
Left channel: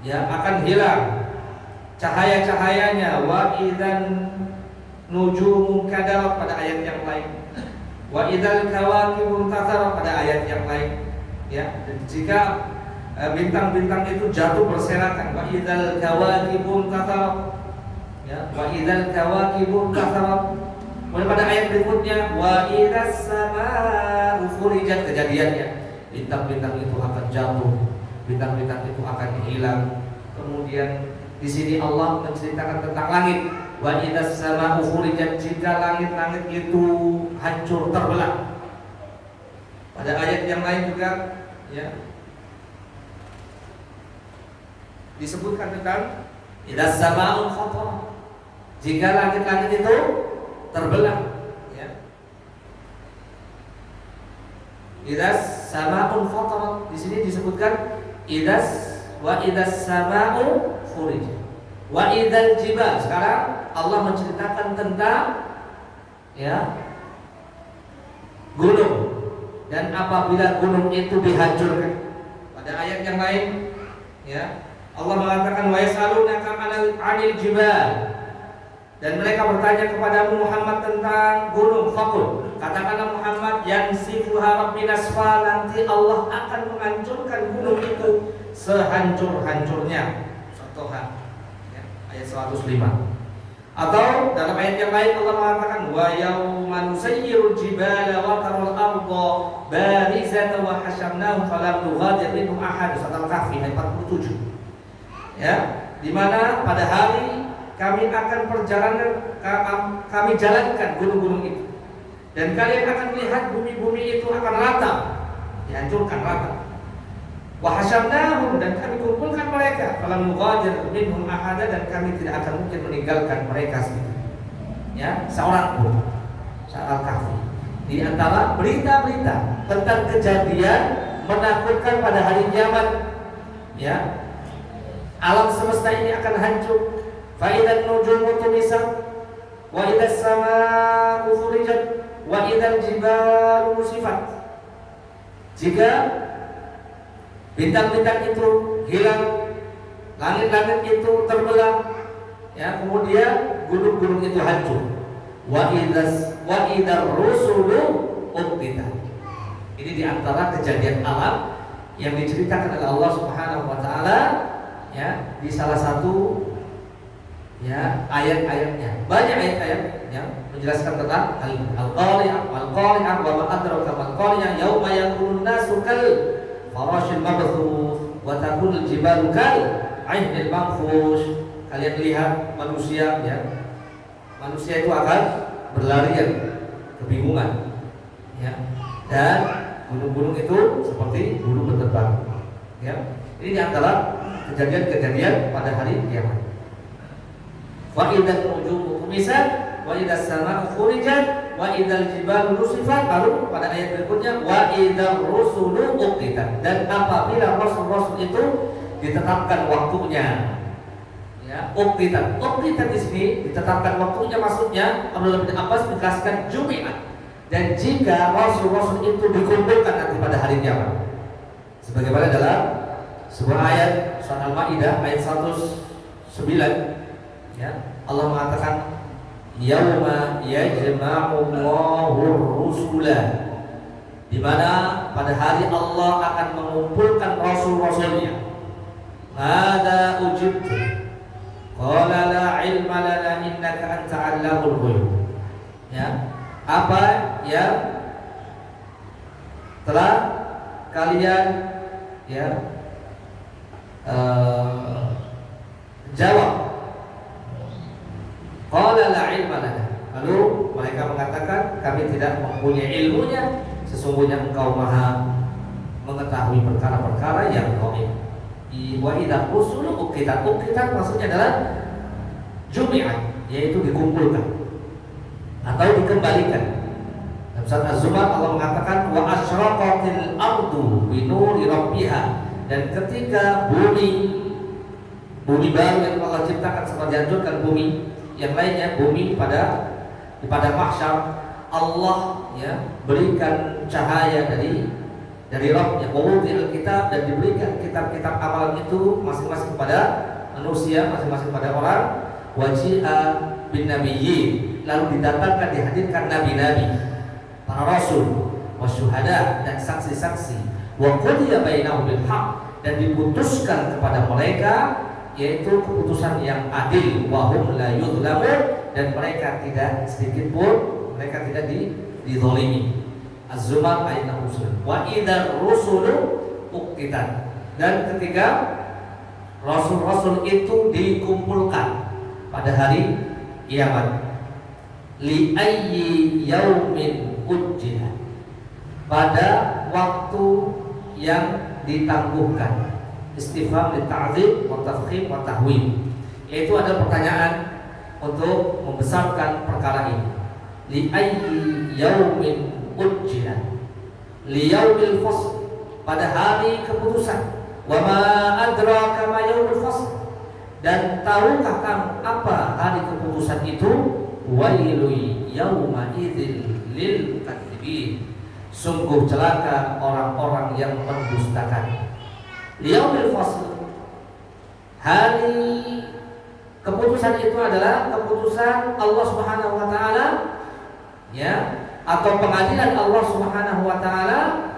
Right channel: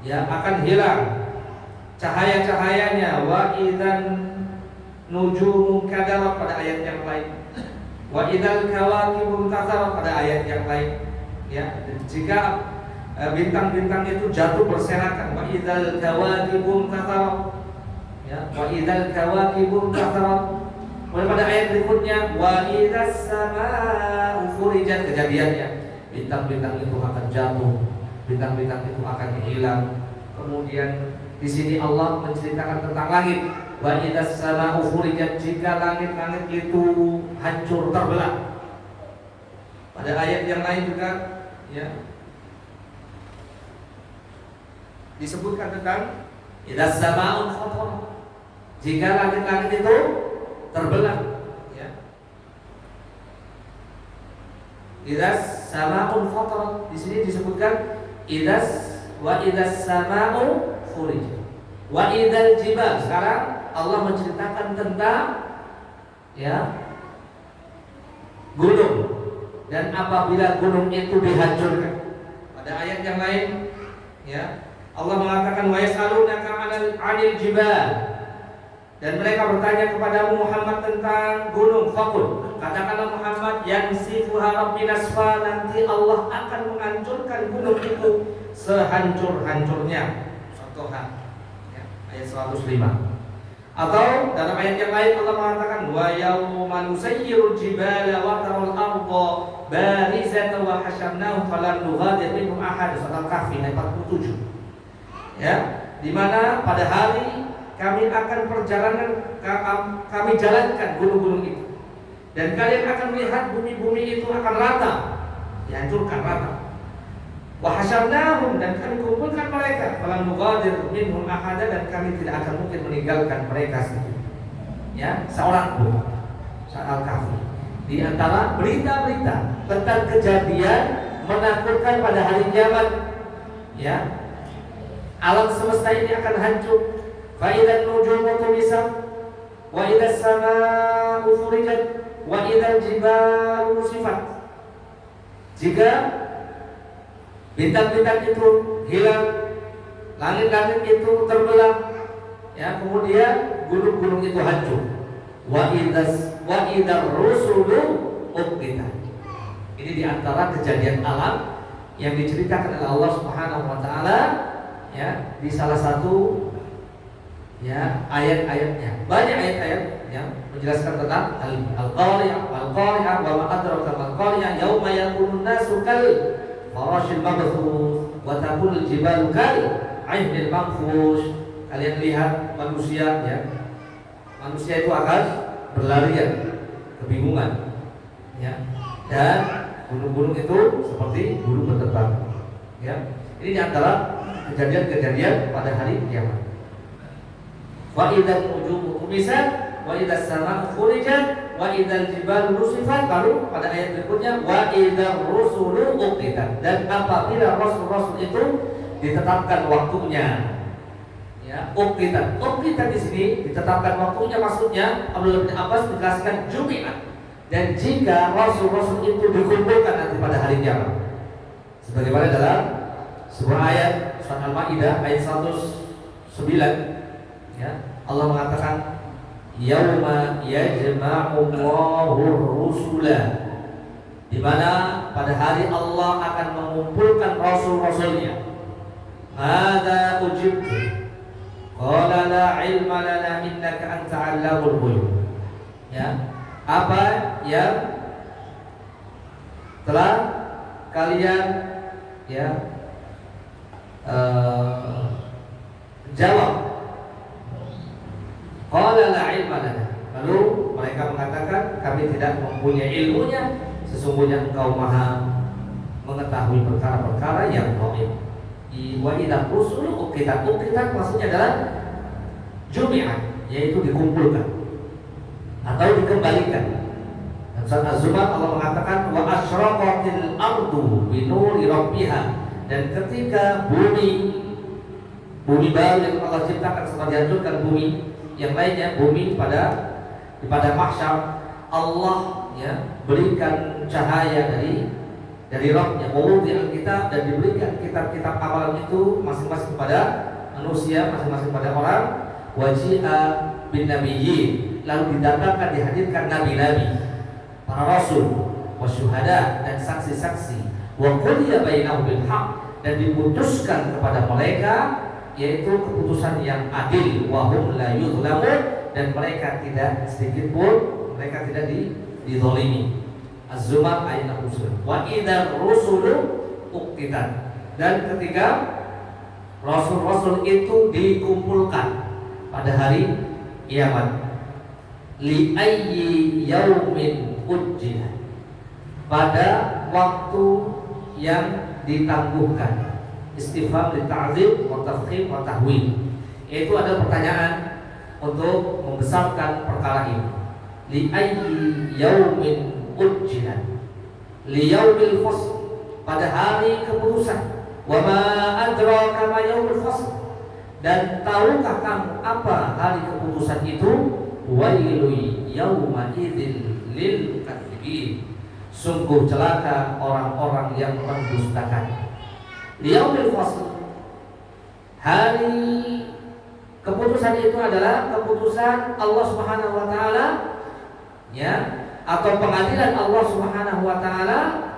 ya, akan hilang cahaya-cahayanya. Wa idzan nujumu kadarat pada ayat yang lain, wa idzal kawakibu tatharat pada ayat yang lain, ya. Jika bintang-bintang itu jatuh berserakan, wa idzal kawakibu tatharat, ya, wa idzal kawakibu tatharat. Pada ayat berikutnya, wa idzas samaa'u furijat, kejadiannya bintang-bintang itu akan jatuh, bintang-bintang itu akan hilang. Kemudian di sini Allah menceritakan tentang langit. Wa idzas samaa'u furijat, jika langit-langit itu hancur terbelah. Pada ayat yang lain juga, ya, disebutkan tentang idzas samaa'u fatarat, jika langit-langit itu terbelah, ya. Idzas samaa'u fatarat, di sini disebutkan idzas wa idzas sama'u furijat, wa idzal jibal. Sekarang Allah menceritakan tentang ya gunung, dan apabila gunung itu dihancurkan. Pada ayat yang lain ya Allah mengatakan wa yas'alunaka 'anil jibal, dan mereka bertanya kepadamu Muhammad tentang gunung. Faqul, katakanlah Muhammad, yansifuha rabbi nasfa, nanti Allah akan menghancurkan gunung itu sehancur-hancurnya. Contohnya ya, ayat 105. Atau dalam ayat yang lain Allah mengatakan wa yauma nusayyirul jibala wa taral arda barizatan wa hasyarnahum falam nughadir minhum ahad. Surat Al-Kahfi ayat 47. Ya, di mana pada hari kami akan perjalanan, kami jalankan gunung-gunung itu, dan kalian akan melihat bumi-bumi itu akan rata, dihancurkan rata. Wa hasyarnahum, dan kami kumpulkan mereka, falam nughadir minhum ahada, dan kami tidak akan mungkin meninggalkan mereka sendiri. Ya, seorang pun. Surat Al-Kahfi. Di antara berita-berita tentang kejadian menakutkan pada hari kiamat, ya, alam semesta ini akan hancur. Fa idzan nujumu tumisat, wa idzas samaa'u furijat, wa idzal jibalu nusifat. Jika bintang-bintang itu hilang, langit-langit itu terbelah, ya, kemudian gunung-gunung itu hancur. Wa idzar rusulu uqtitat. Ini diantara kejadian alam yang diceritakan oleh Allah Subhanahu wa taala ya di salah satu ya ayat-ayatnya. Banyak ayat-ayat yang menjelaskan tentang al-qari'ah wa ma adraka mal-qari'ah yauma yakunun nasu kal farashil mabthus wa takunul jibalu kal 'ainil manfush. Kalian lihat manusia ya. Manusia itu akan berlarian, kebingungan ya. Dan gunung-gunung itu seperti burung berterbang ya. Ini di antara kejadian-kejadian pada hari kiamat. Wa idzal nujumu tumisat, wa idzas samaa'u furijat, wa idzal jibalu nusifat. Lalu pada ayat berikutnya wa idzar rusulu uqtitat, dan apabila rasul-rasul itu ditetapkan waktunya. Ya, uqtitat. Uqtitat di sini ditetapkan waktunya, maksudnya Abdullah bin Abbas menjelaskan Jumi'at. Dan jika rasul-rasul itu dikumpulkan nanti pada hari kiamat. Sebagaimana dalam sebuah ayat Surat Al-Maidah ayat 109 ya, Allah mengatakan yauma yajma'ullahu rusula, di mana pada hari Allah akan mengumpulkan rasul-rasulnya. Hadza ujibtu qala la ilma lana innaka anta 'allamul ghuyub. Ya, apa yang telah kalian ya jawab. Qala la ilma lana. Lalu mereka mengatakan kami tidak mempunyai ilmunya, sesungguhnya engkau maha mengetahui perkara-perkara yang gaib. Wa idza rusulu uqtitat. Uqtitat maksudnya adalah jumi'at, yaitu dikumpulkan atau dikembalikan. Dalam surat Az-Zumar Allah mengatakan wa asyraqatil ardu bi nuri rabbiha, dan ketika bumi baru yang Allah ciptakan setelah dihancurkan bumi yang lainnya, bumi pada mahsyar, Allah ya berikan cahaya dari Rabbnya, mawudhi'al kitab, dan diberikan kitab-kitab amalan itu masing-masing kepada manusia, masing-masing pada orang. Waji'a bin nabiyyin, lalu didatangkan, dihadirkan nabi-nabi, para rasul, wasyuhada, dan saksi-saksi, wa qudiya bainahum bil haqq, dan diputuskan kepada mereka yaitu keputusan yang adil, wa hum la yuzlamun, dan mereka tidak sedikit pun mereka tidak dizalimi. Az-Zumar ayat 69. Wa idzar rusulu uqtitat, dan ketika rasul-rasul itu dikumpulkan pada hari kiamat. Li ayyi yaumin ujjilat, pada waktu yang ditangguhkan. Istifham litta'dzim wa tafkhim wa tahwil, yaitu ada pertanyaan untuk membesarkan perkara ini. Li ayyi yaumin ujjilat, li yaumil fasl, pada hari keputusan. Wa ma adraka ma yaumul fasl. Dan tahukah kamu apa hari keputusan itu? Wailu yauma idzil lil kadzibin. Sungguh celaka orang-orang yang mendustakan. Yaumul fasl. Hari keputusan itu adalah keputusan Allah Subhanahu wa taala, ya, atau pengadilan Allah Subhanahu wa taala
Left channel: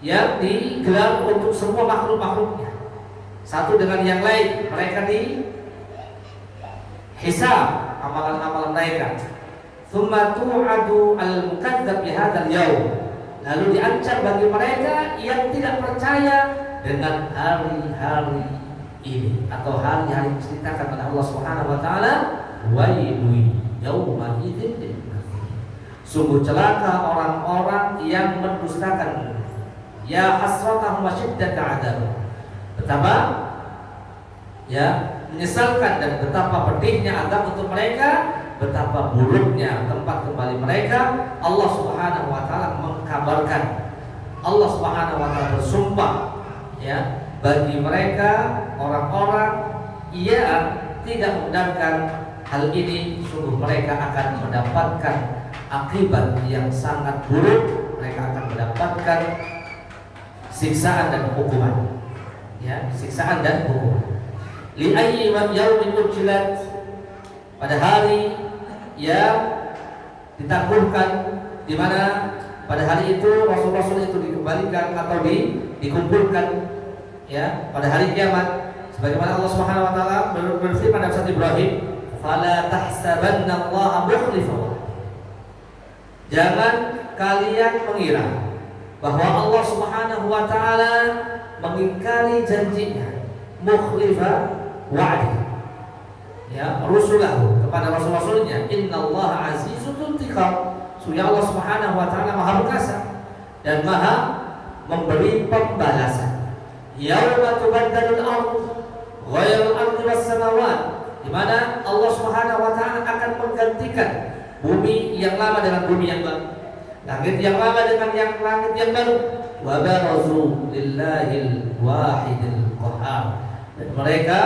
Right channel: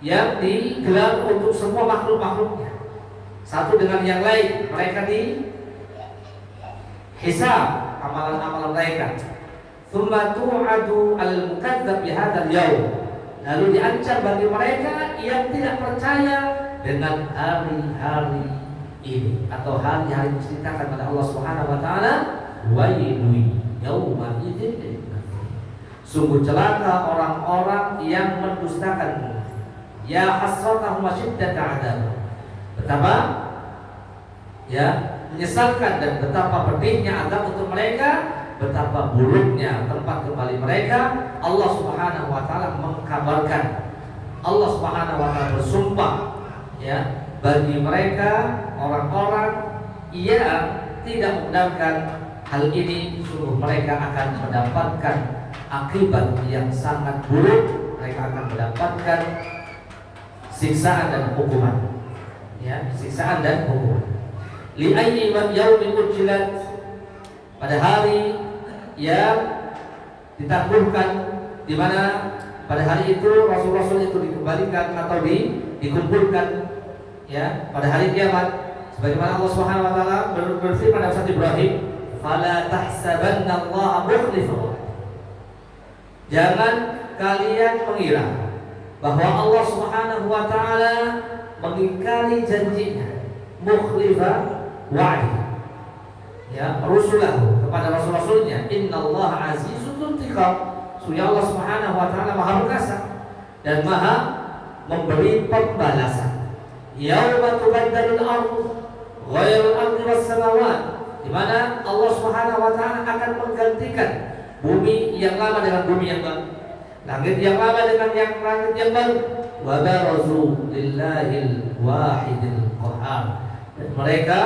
yang digelar untuk semua makhluk-makhluknya. Satu dengan yang lain, mereka dihisab amalan-amalan mereka. Tsumma tu'adu al-mukadzdzab bi hadzal yaum. Lalu diancam bagi mereka yang tidak percaya dengan hari-hari ini atau hari-hari diceritakan oleh Allah Subhanahu wa taala, wailu yauma idzin lil kafirin. Sungguh celaka orang-orang yang mendustakan. Ya hasratahum wa syiddata adzab. Betapa ya menyesalkan dan betapa pedihnya azab untuk mereka, betapa buruknya tempat kembali mereka. Allah Subhanahu wa taala mengkabarkan, Allah Subhanahu wa taala bersumpah, ya, bagi mereka orang-orang yang tidak membenarkan hal ini, sungguh mereka akan mendapatkan akibat yang sangat buruk. Mereka akan mendapatkan siksaan dan hukuman, ya, siksaan dan hukuman. Li ayyi yaumin ujilat, pada hari yang ditangguhkan, di mana pada hari itu rasul-rasul itu dikembalikan atau dikumpulkan, ya, pada hari kiamat. Sebagaimana Allah Subhanahu wa taala berfirman dalam surat Ibrahim, "Fala tahsabanna Allah mukhlifa." Jangan kalian mengira bahwa Allah Subhanahu wa taala mengingkari janjinya, mukhlifa wa'di, ya, rusulahu, kepada rasul-rasulnya. Innallaha azizun dzuntiqam. Sungguh Allah Subhanahu wa taala Maha Perkasa dan Maha memberi pembalasan. Yauma tubaddalul ardu ghairul ardi was samawat, di mana Allah Subhanahu wa taala akan menggantikan bumi yang lama dengan bumi yang baru, langit yang lama dengan yang langit yang baru. Wa barazu lillahil wahidil qahhar. Dan mereka,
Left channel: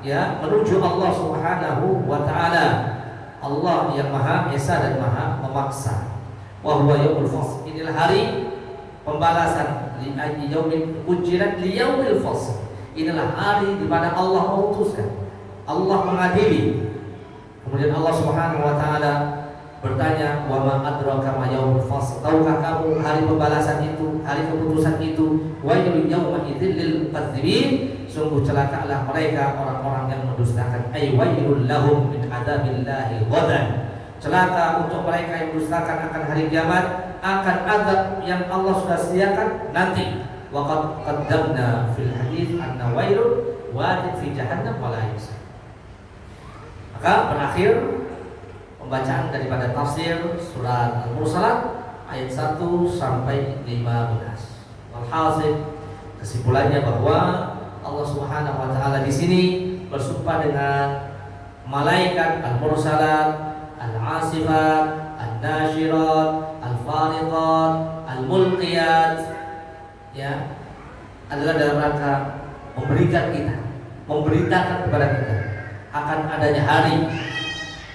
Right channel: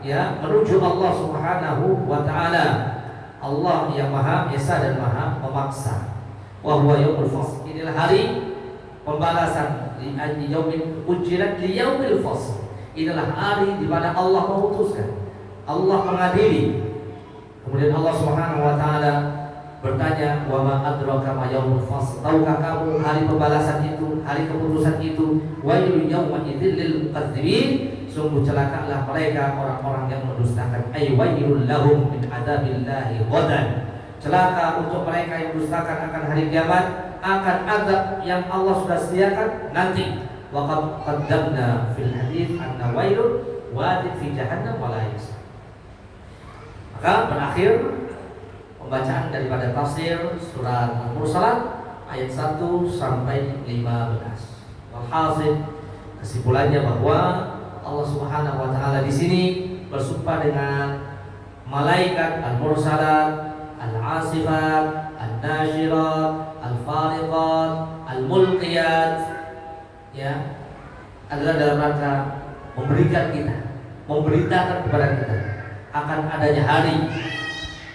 ya, menuju Allah Subhanahu wa taala, Allah yang Maha Esa dan Maha Memaksa. Wa huwa yaumul fasl. Inilah hari pembalasan. Li ayyi yaumin ujirat li yaumil fasl. Inilah hari di mana Allah memutuskan, Allah mengadili. Kemudian Allah Subhanahu wa taala bertanya, wa ma adraka ma yaumul fasl. Tahukah kamu hari pembalasan itu, hari keputusan itu? Wailun yauma idzil lil kadzibin. Sungguh celakalah mereka orang-orang yang mendustakan. Ay wailul lahum min adzabillahi ghadan. Celaka untuk mereka yang mendustakan akan hari kiamat, akan azab yang Allah sudah sediakan nanti. Wa qad qaddamna fil hadits anna wailun wadin fi jahannam wa la yusar. Maka berakhir pembacaan daripada tafsir surat Al-Mursalat ayat 1 sampai 15. Walhasil, kesimpulannya bahwa Allah Subhanahu wa taala di sini bersumpah dengan malaikat Al-Mursalat, Al-Asifat, Al-Nashirat, Al-Fariqat, Al-Mulqiyat, ya, adalah dalam rangka memberikan kita, memberitakan kepada kita akan adanya hari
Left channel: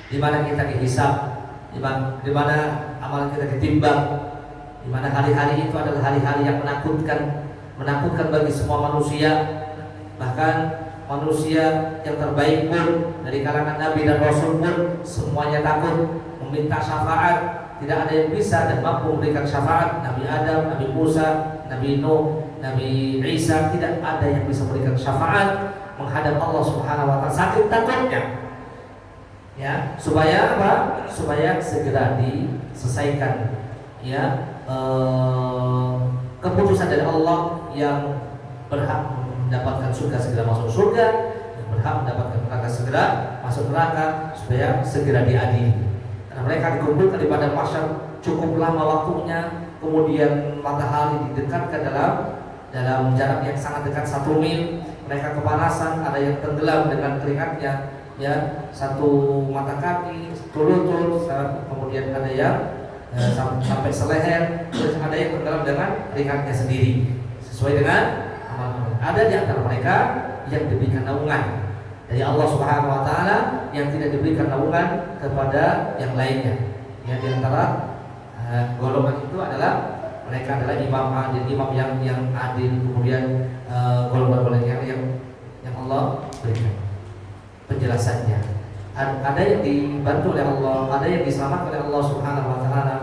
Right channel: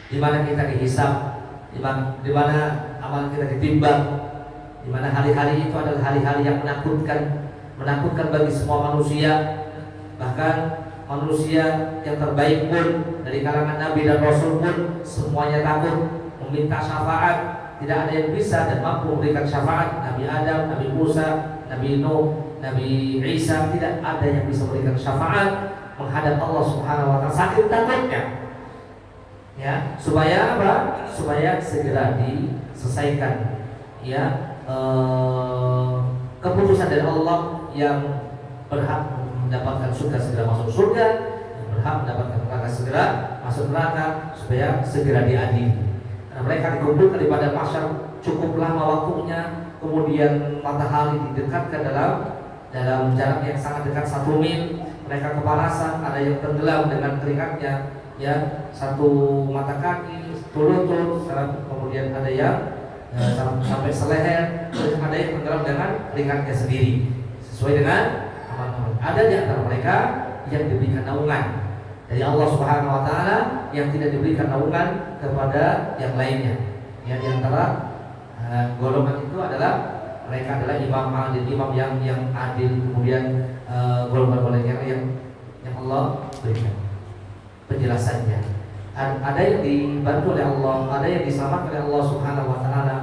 di mana kita dihisab, di mana amal kita ditimbang, di mana hari-hari itu adalah hari-hari yang menakutkan bagi semua manusia. Bahkan manusia yang terbaik pun dari kalangan Nabi dan Rasul pun semuanya takut meminta syafaat. Tidak ada yang bisa dan mampu memberikan syafaat. Nabi Adam, Nabi Musa, Nabi Nuh, Nabi Isa, tidak ada yang bisa memberikan syafaat menghadap Allah Subhanahu wa taala, saking takutnya. Ya, supaya apa? Supaya segera diselesaikan, ya, keputusan dari Allah yang berhak mendapatkan surga segera masuk surga, yang berhak mendapatkan neraka segera masuk neraka, supaya segera diadili. Karena mereka dikumpulkan di padang mahsyar cukup lama waktunya, kemudian matahari didekatkan dalam jarak yang sangat dekat 1 mil. Mereka kepanasan, ada yang tenggelam dengan keringatnya, ya, 1 mata kaki, 1 lutut, kemudian ada yang sampai seleher, terus ada yang tenggelam dengan keringatnya sendiri sesuai dengan amal. Ada di antara mereka yang diberikan naungan dari Allah Subhanahu wa taala, yang tidak diberikan naungan kepada yang lainnya. Ya, di antara golongan itu adalah mereka adalah imam adil, imam yang adil, kemudian golongan yang Allah berikan penjelasannya. Ada yang dibantu oleh Allah, ada yang diselamatkan oleh Allah Subhanahu wa taala,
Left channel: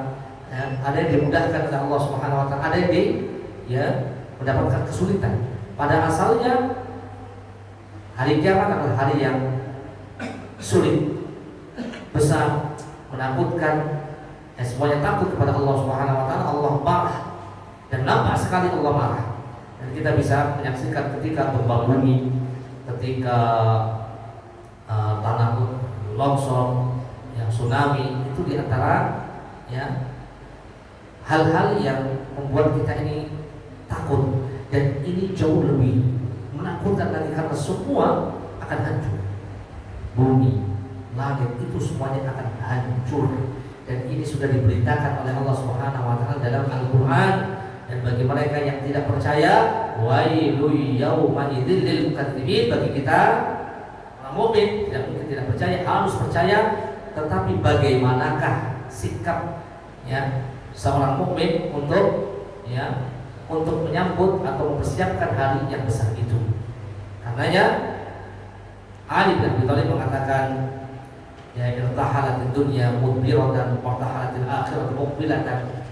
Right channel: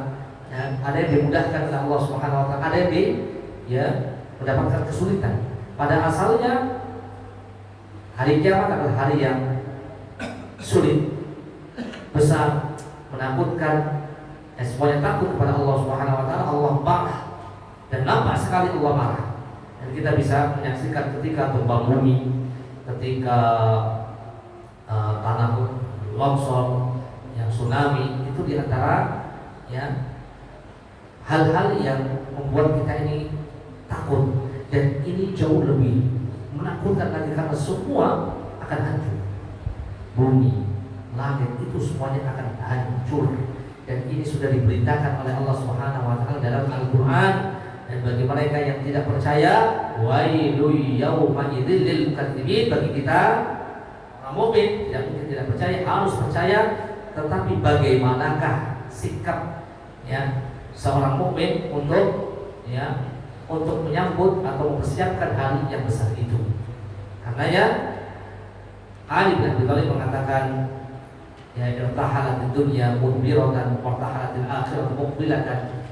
ya, ada yang dimudahkan oleh Allah Subhanahu wa taala, ada yang mendapatkan kesulitan. Pada asalnya hari kiamat adalah hari yang sulit, besar, menakutkan. Semuanya takut kepada Allah Subhanahu wa taala. Allah marah, dan nampak sekali Allah marah. Dan kita bisa menyaksikan ketika gempa bumi, ketika tanah longsor, yang tsunami, itu di antara ya hal-hal yang membuat kita ini takut. Dan ini jauh lebih menakutkan lagi karena semua akan hancur. Bumi, langit itu semuanya akan hancur. Dan ini sudah diberitakan oleh Allah Subhanahu wa taala dalam Al-Qur'an. Dan bagi mereka yang tidak percaya, wailul yauma idzil lil mukadzibin, bagi kita orang mukmin tidak mungkin tidak percaya, harus percaya. Tetapi bagaimanakah sikap ya seorang mukmin untuk menyambut atau mempersiapkan hari yang besar itu? Karenanya Ali bin Abi Thalib mengatakan, ya irtahalatid dunya mudbiratan wa irtahalatil akhiratu muqbilatan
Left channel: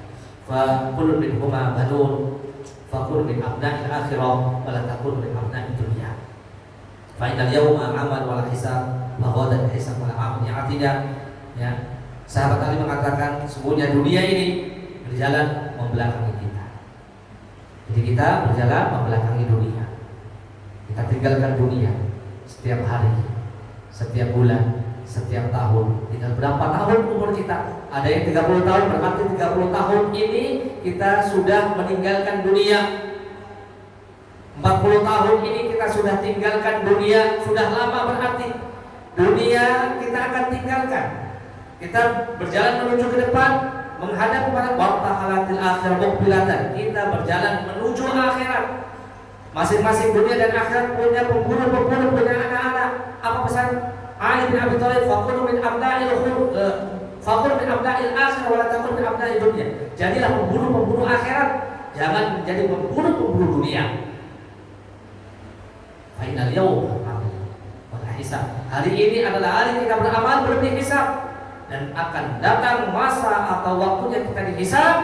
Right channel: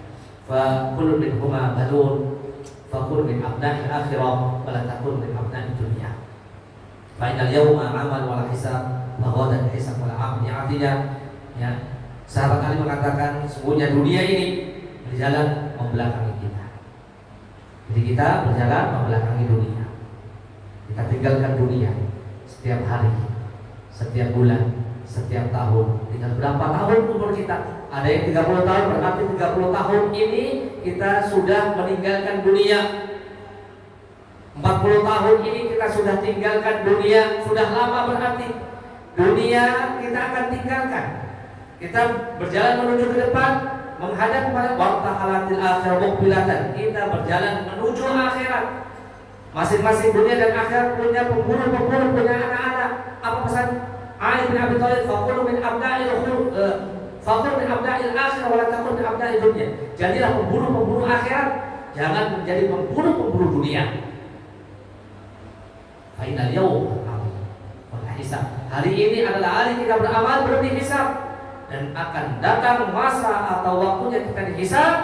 fa kullu minhuma banun fa kullu min abna'il akhirah wa la takun min abna'id dunya fa innal yawma amal wa la hisab wa ghadan hisab wa la amal ya'tidah. Ya, sahabat Ali mengatakan sesungguhnya dunia ini berjalan membelakangi kita. Jadi kita berjalan membelakangi dunia. Kita tinggalkan dunia setiap hari, setiap bulan, setiap tahun. Tinggal berapa tahun umur kita? Ada yang 30 tahun, berarti 30 tahun ini kita sudah meninggalkan dunia. 40 tahun ini kita sudah tinggalkan dunia. Sudah lama berarti dunia kita akan tinggalkan. Kita berjalan menuju ke depan, menghadap kepada wartahalatil akhirah muqbilatan. Kita berjalan menuju akhirat. Masing-masing dunia dan akhirat punya pemburu-pemburu, punya anak-anak. Apa pesan Ali bin Abi Thalib? Faqul min abda'il akhirah wa la takun min abda'id dunya. Jadilah pemburu-pemburu akhirat, jangan menjadi pemburu-pemburu dunia. Fa inal yawma wal hisab. Hari ini adalah hari kita beramal, belum dihisab. Dan akan datang masa atau waktunya kita dihisab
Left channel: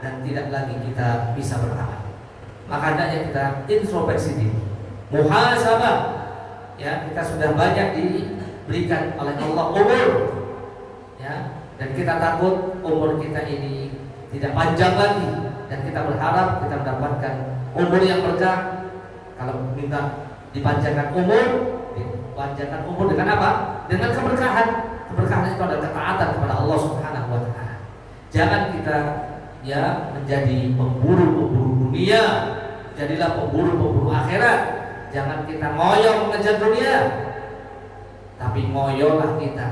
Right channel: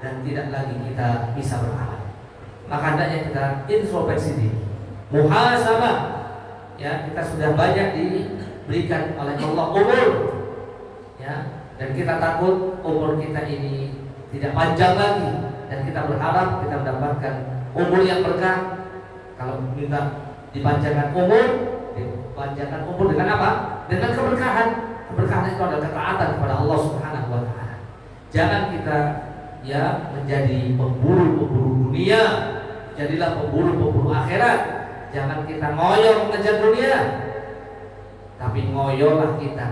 dan tidak lagi kita bisa beramal. Maka hendaknya kita introspeksi diri, muhasabah. Ya, kita sudah banyak diberikan oleh Allah umur, ya, dan kita takut umur kita ini tidak panjang lagi, dan kita berharap kita mendapatkan umur yang berkah. Kalau minta dipanjangkan umur, dipanjangkan umur dengan apa? Dengan keberkahan. Keberkahan itu adalah ketaatan kepada Allah Subhanahu wa taala. Jangan kita ya menjadi pemburu-pemburu dunia, jadilah pemburu-pemburu akhirat. Jangan kita ngoyo mengejar dunia, tapi ngoyolah kita,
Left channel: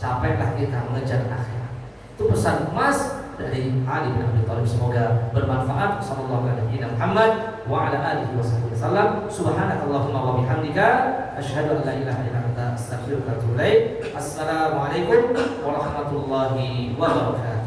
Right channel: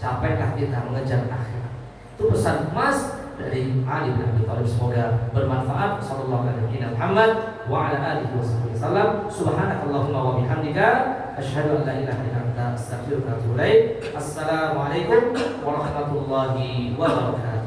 capeklah kita mengejar akhirat. Itu pesan emas dari Ali bin Abi Thalib. Semoga bermanfaat. Sallallahu alaihi Muhammad wa ala alihi wasallam. Subhanakallahumma wa bihamdika asyhadu an la ilaha illa anta astaghfiruka wa atubu ilaik. Assalamualaikum warahmatullahi wabarakatuh.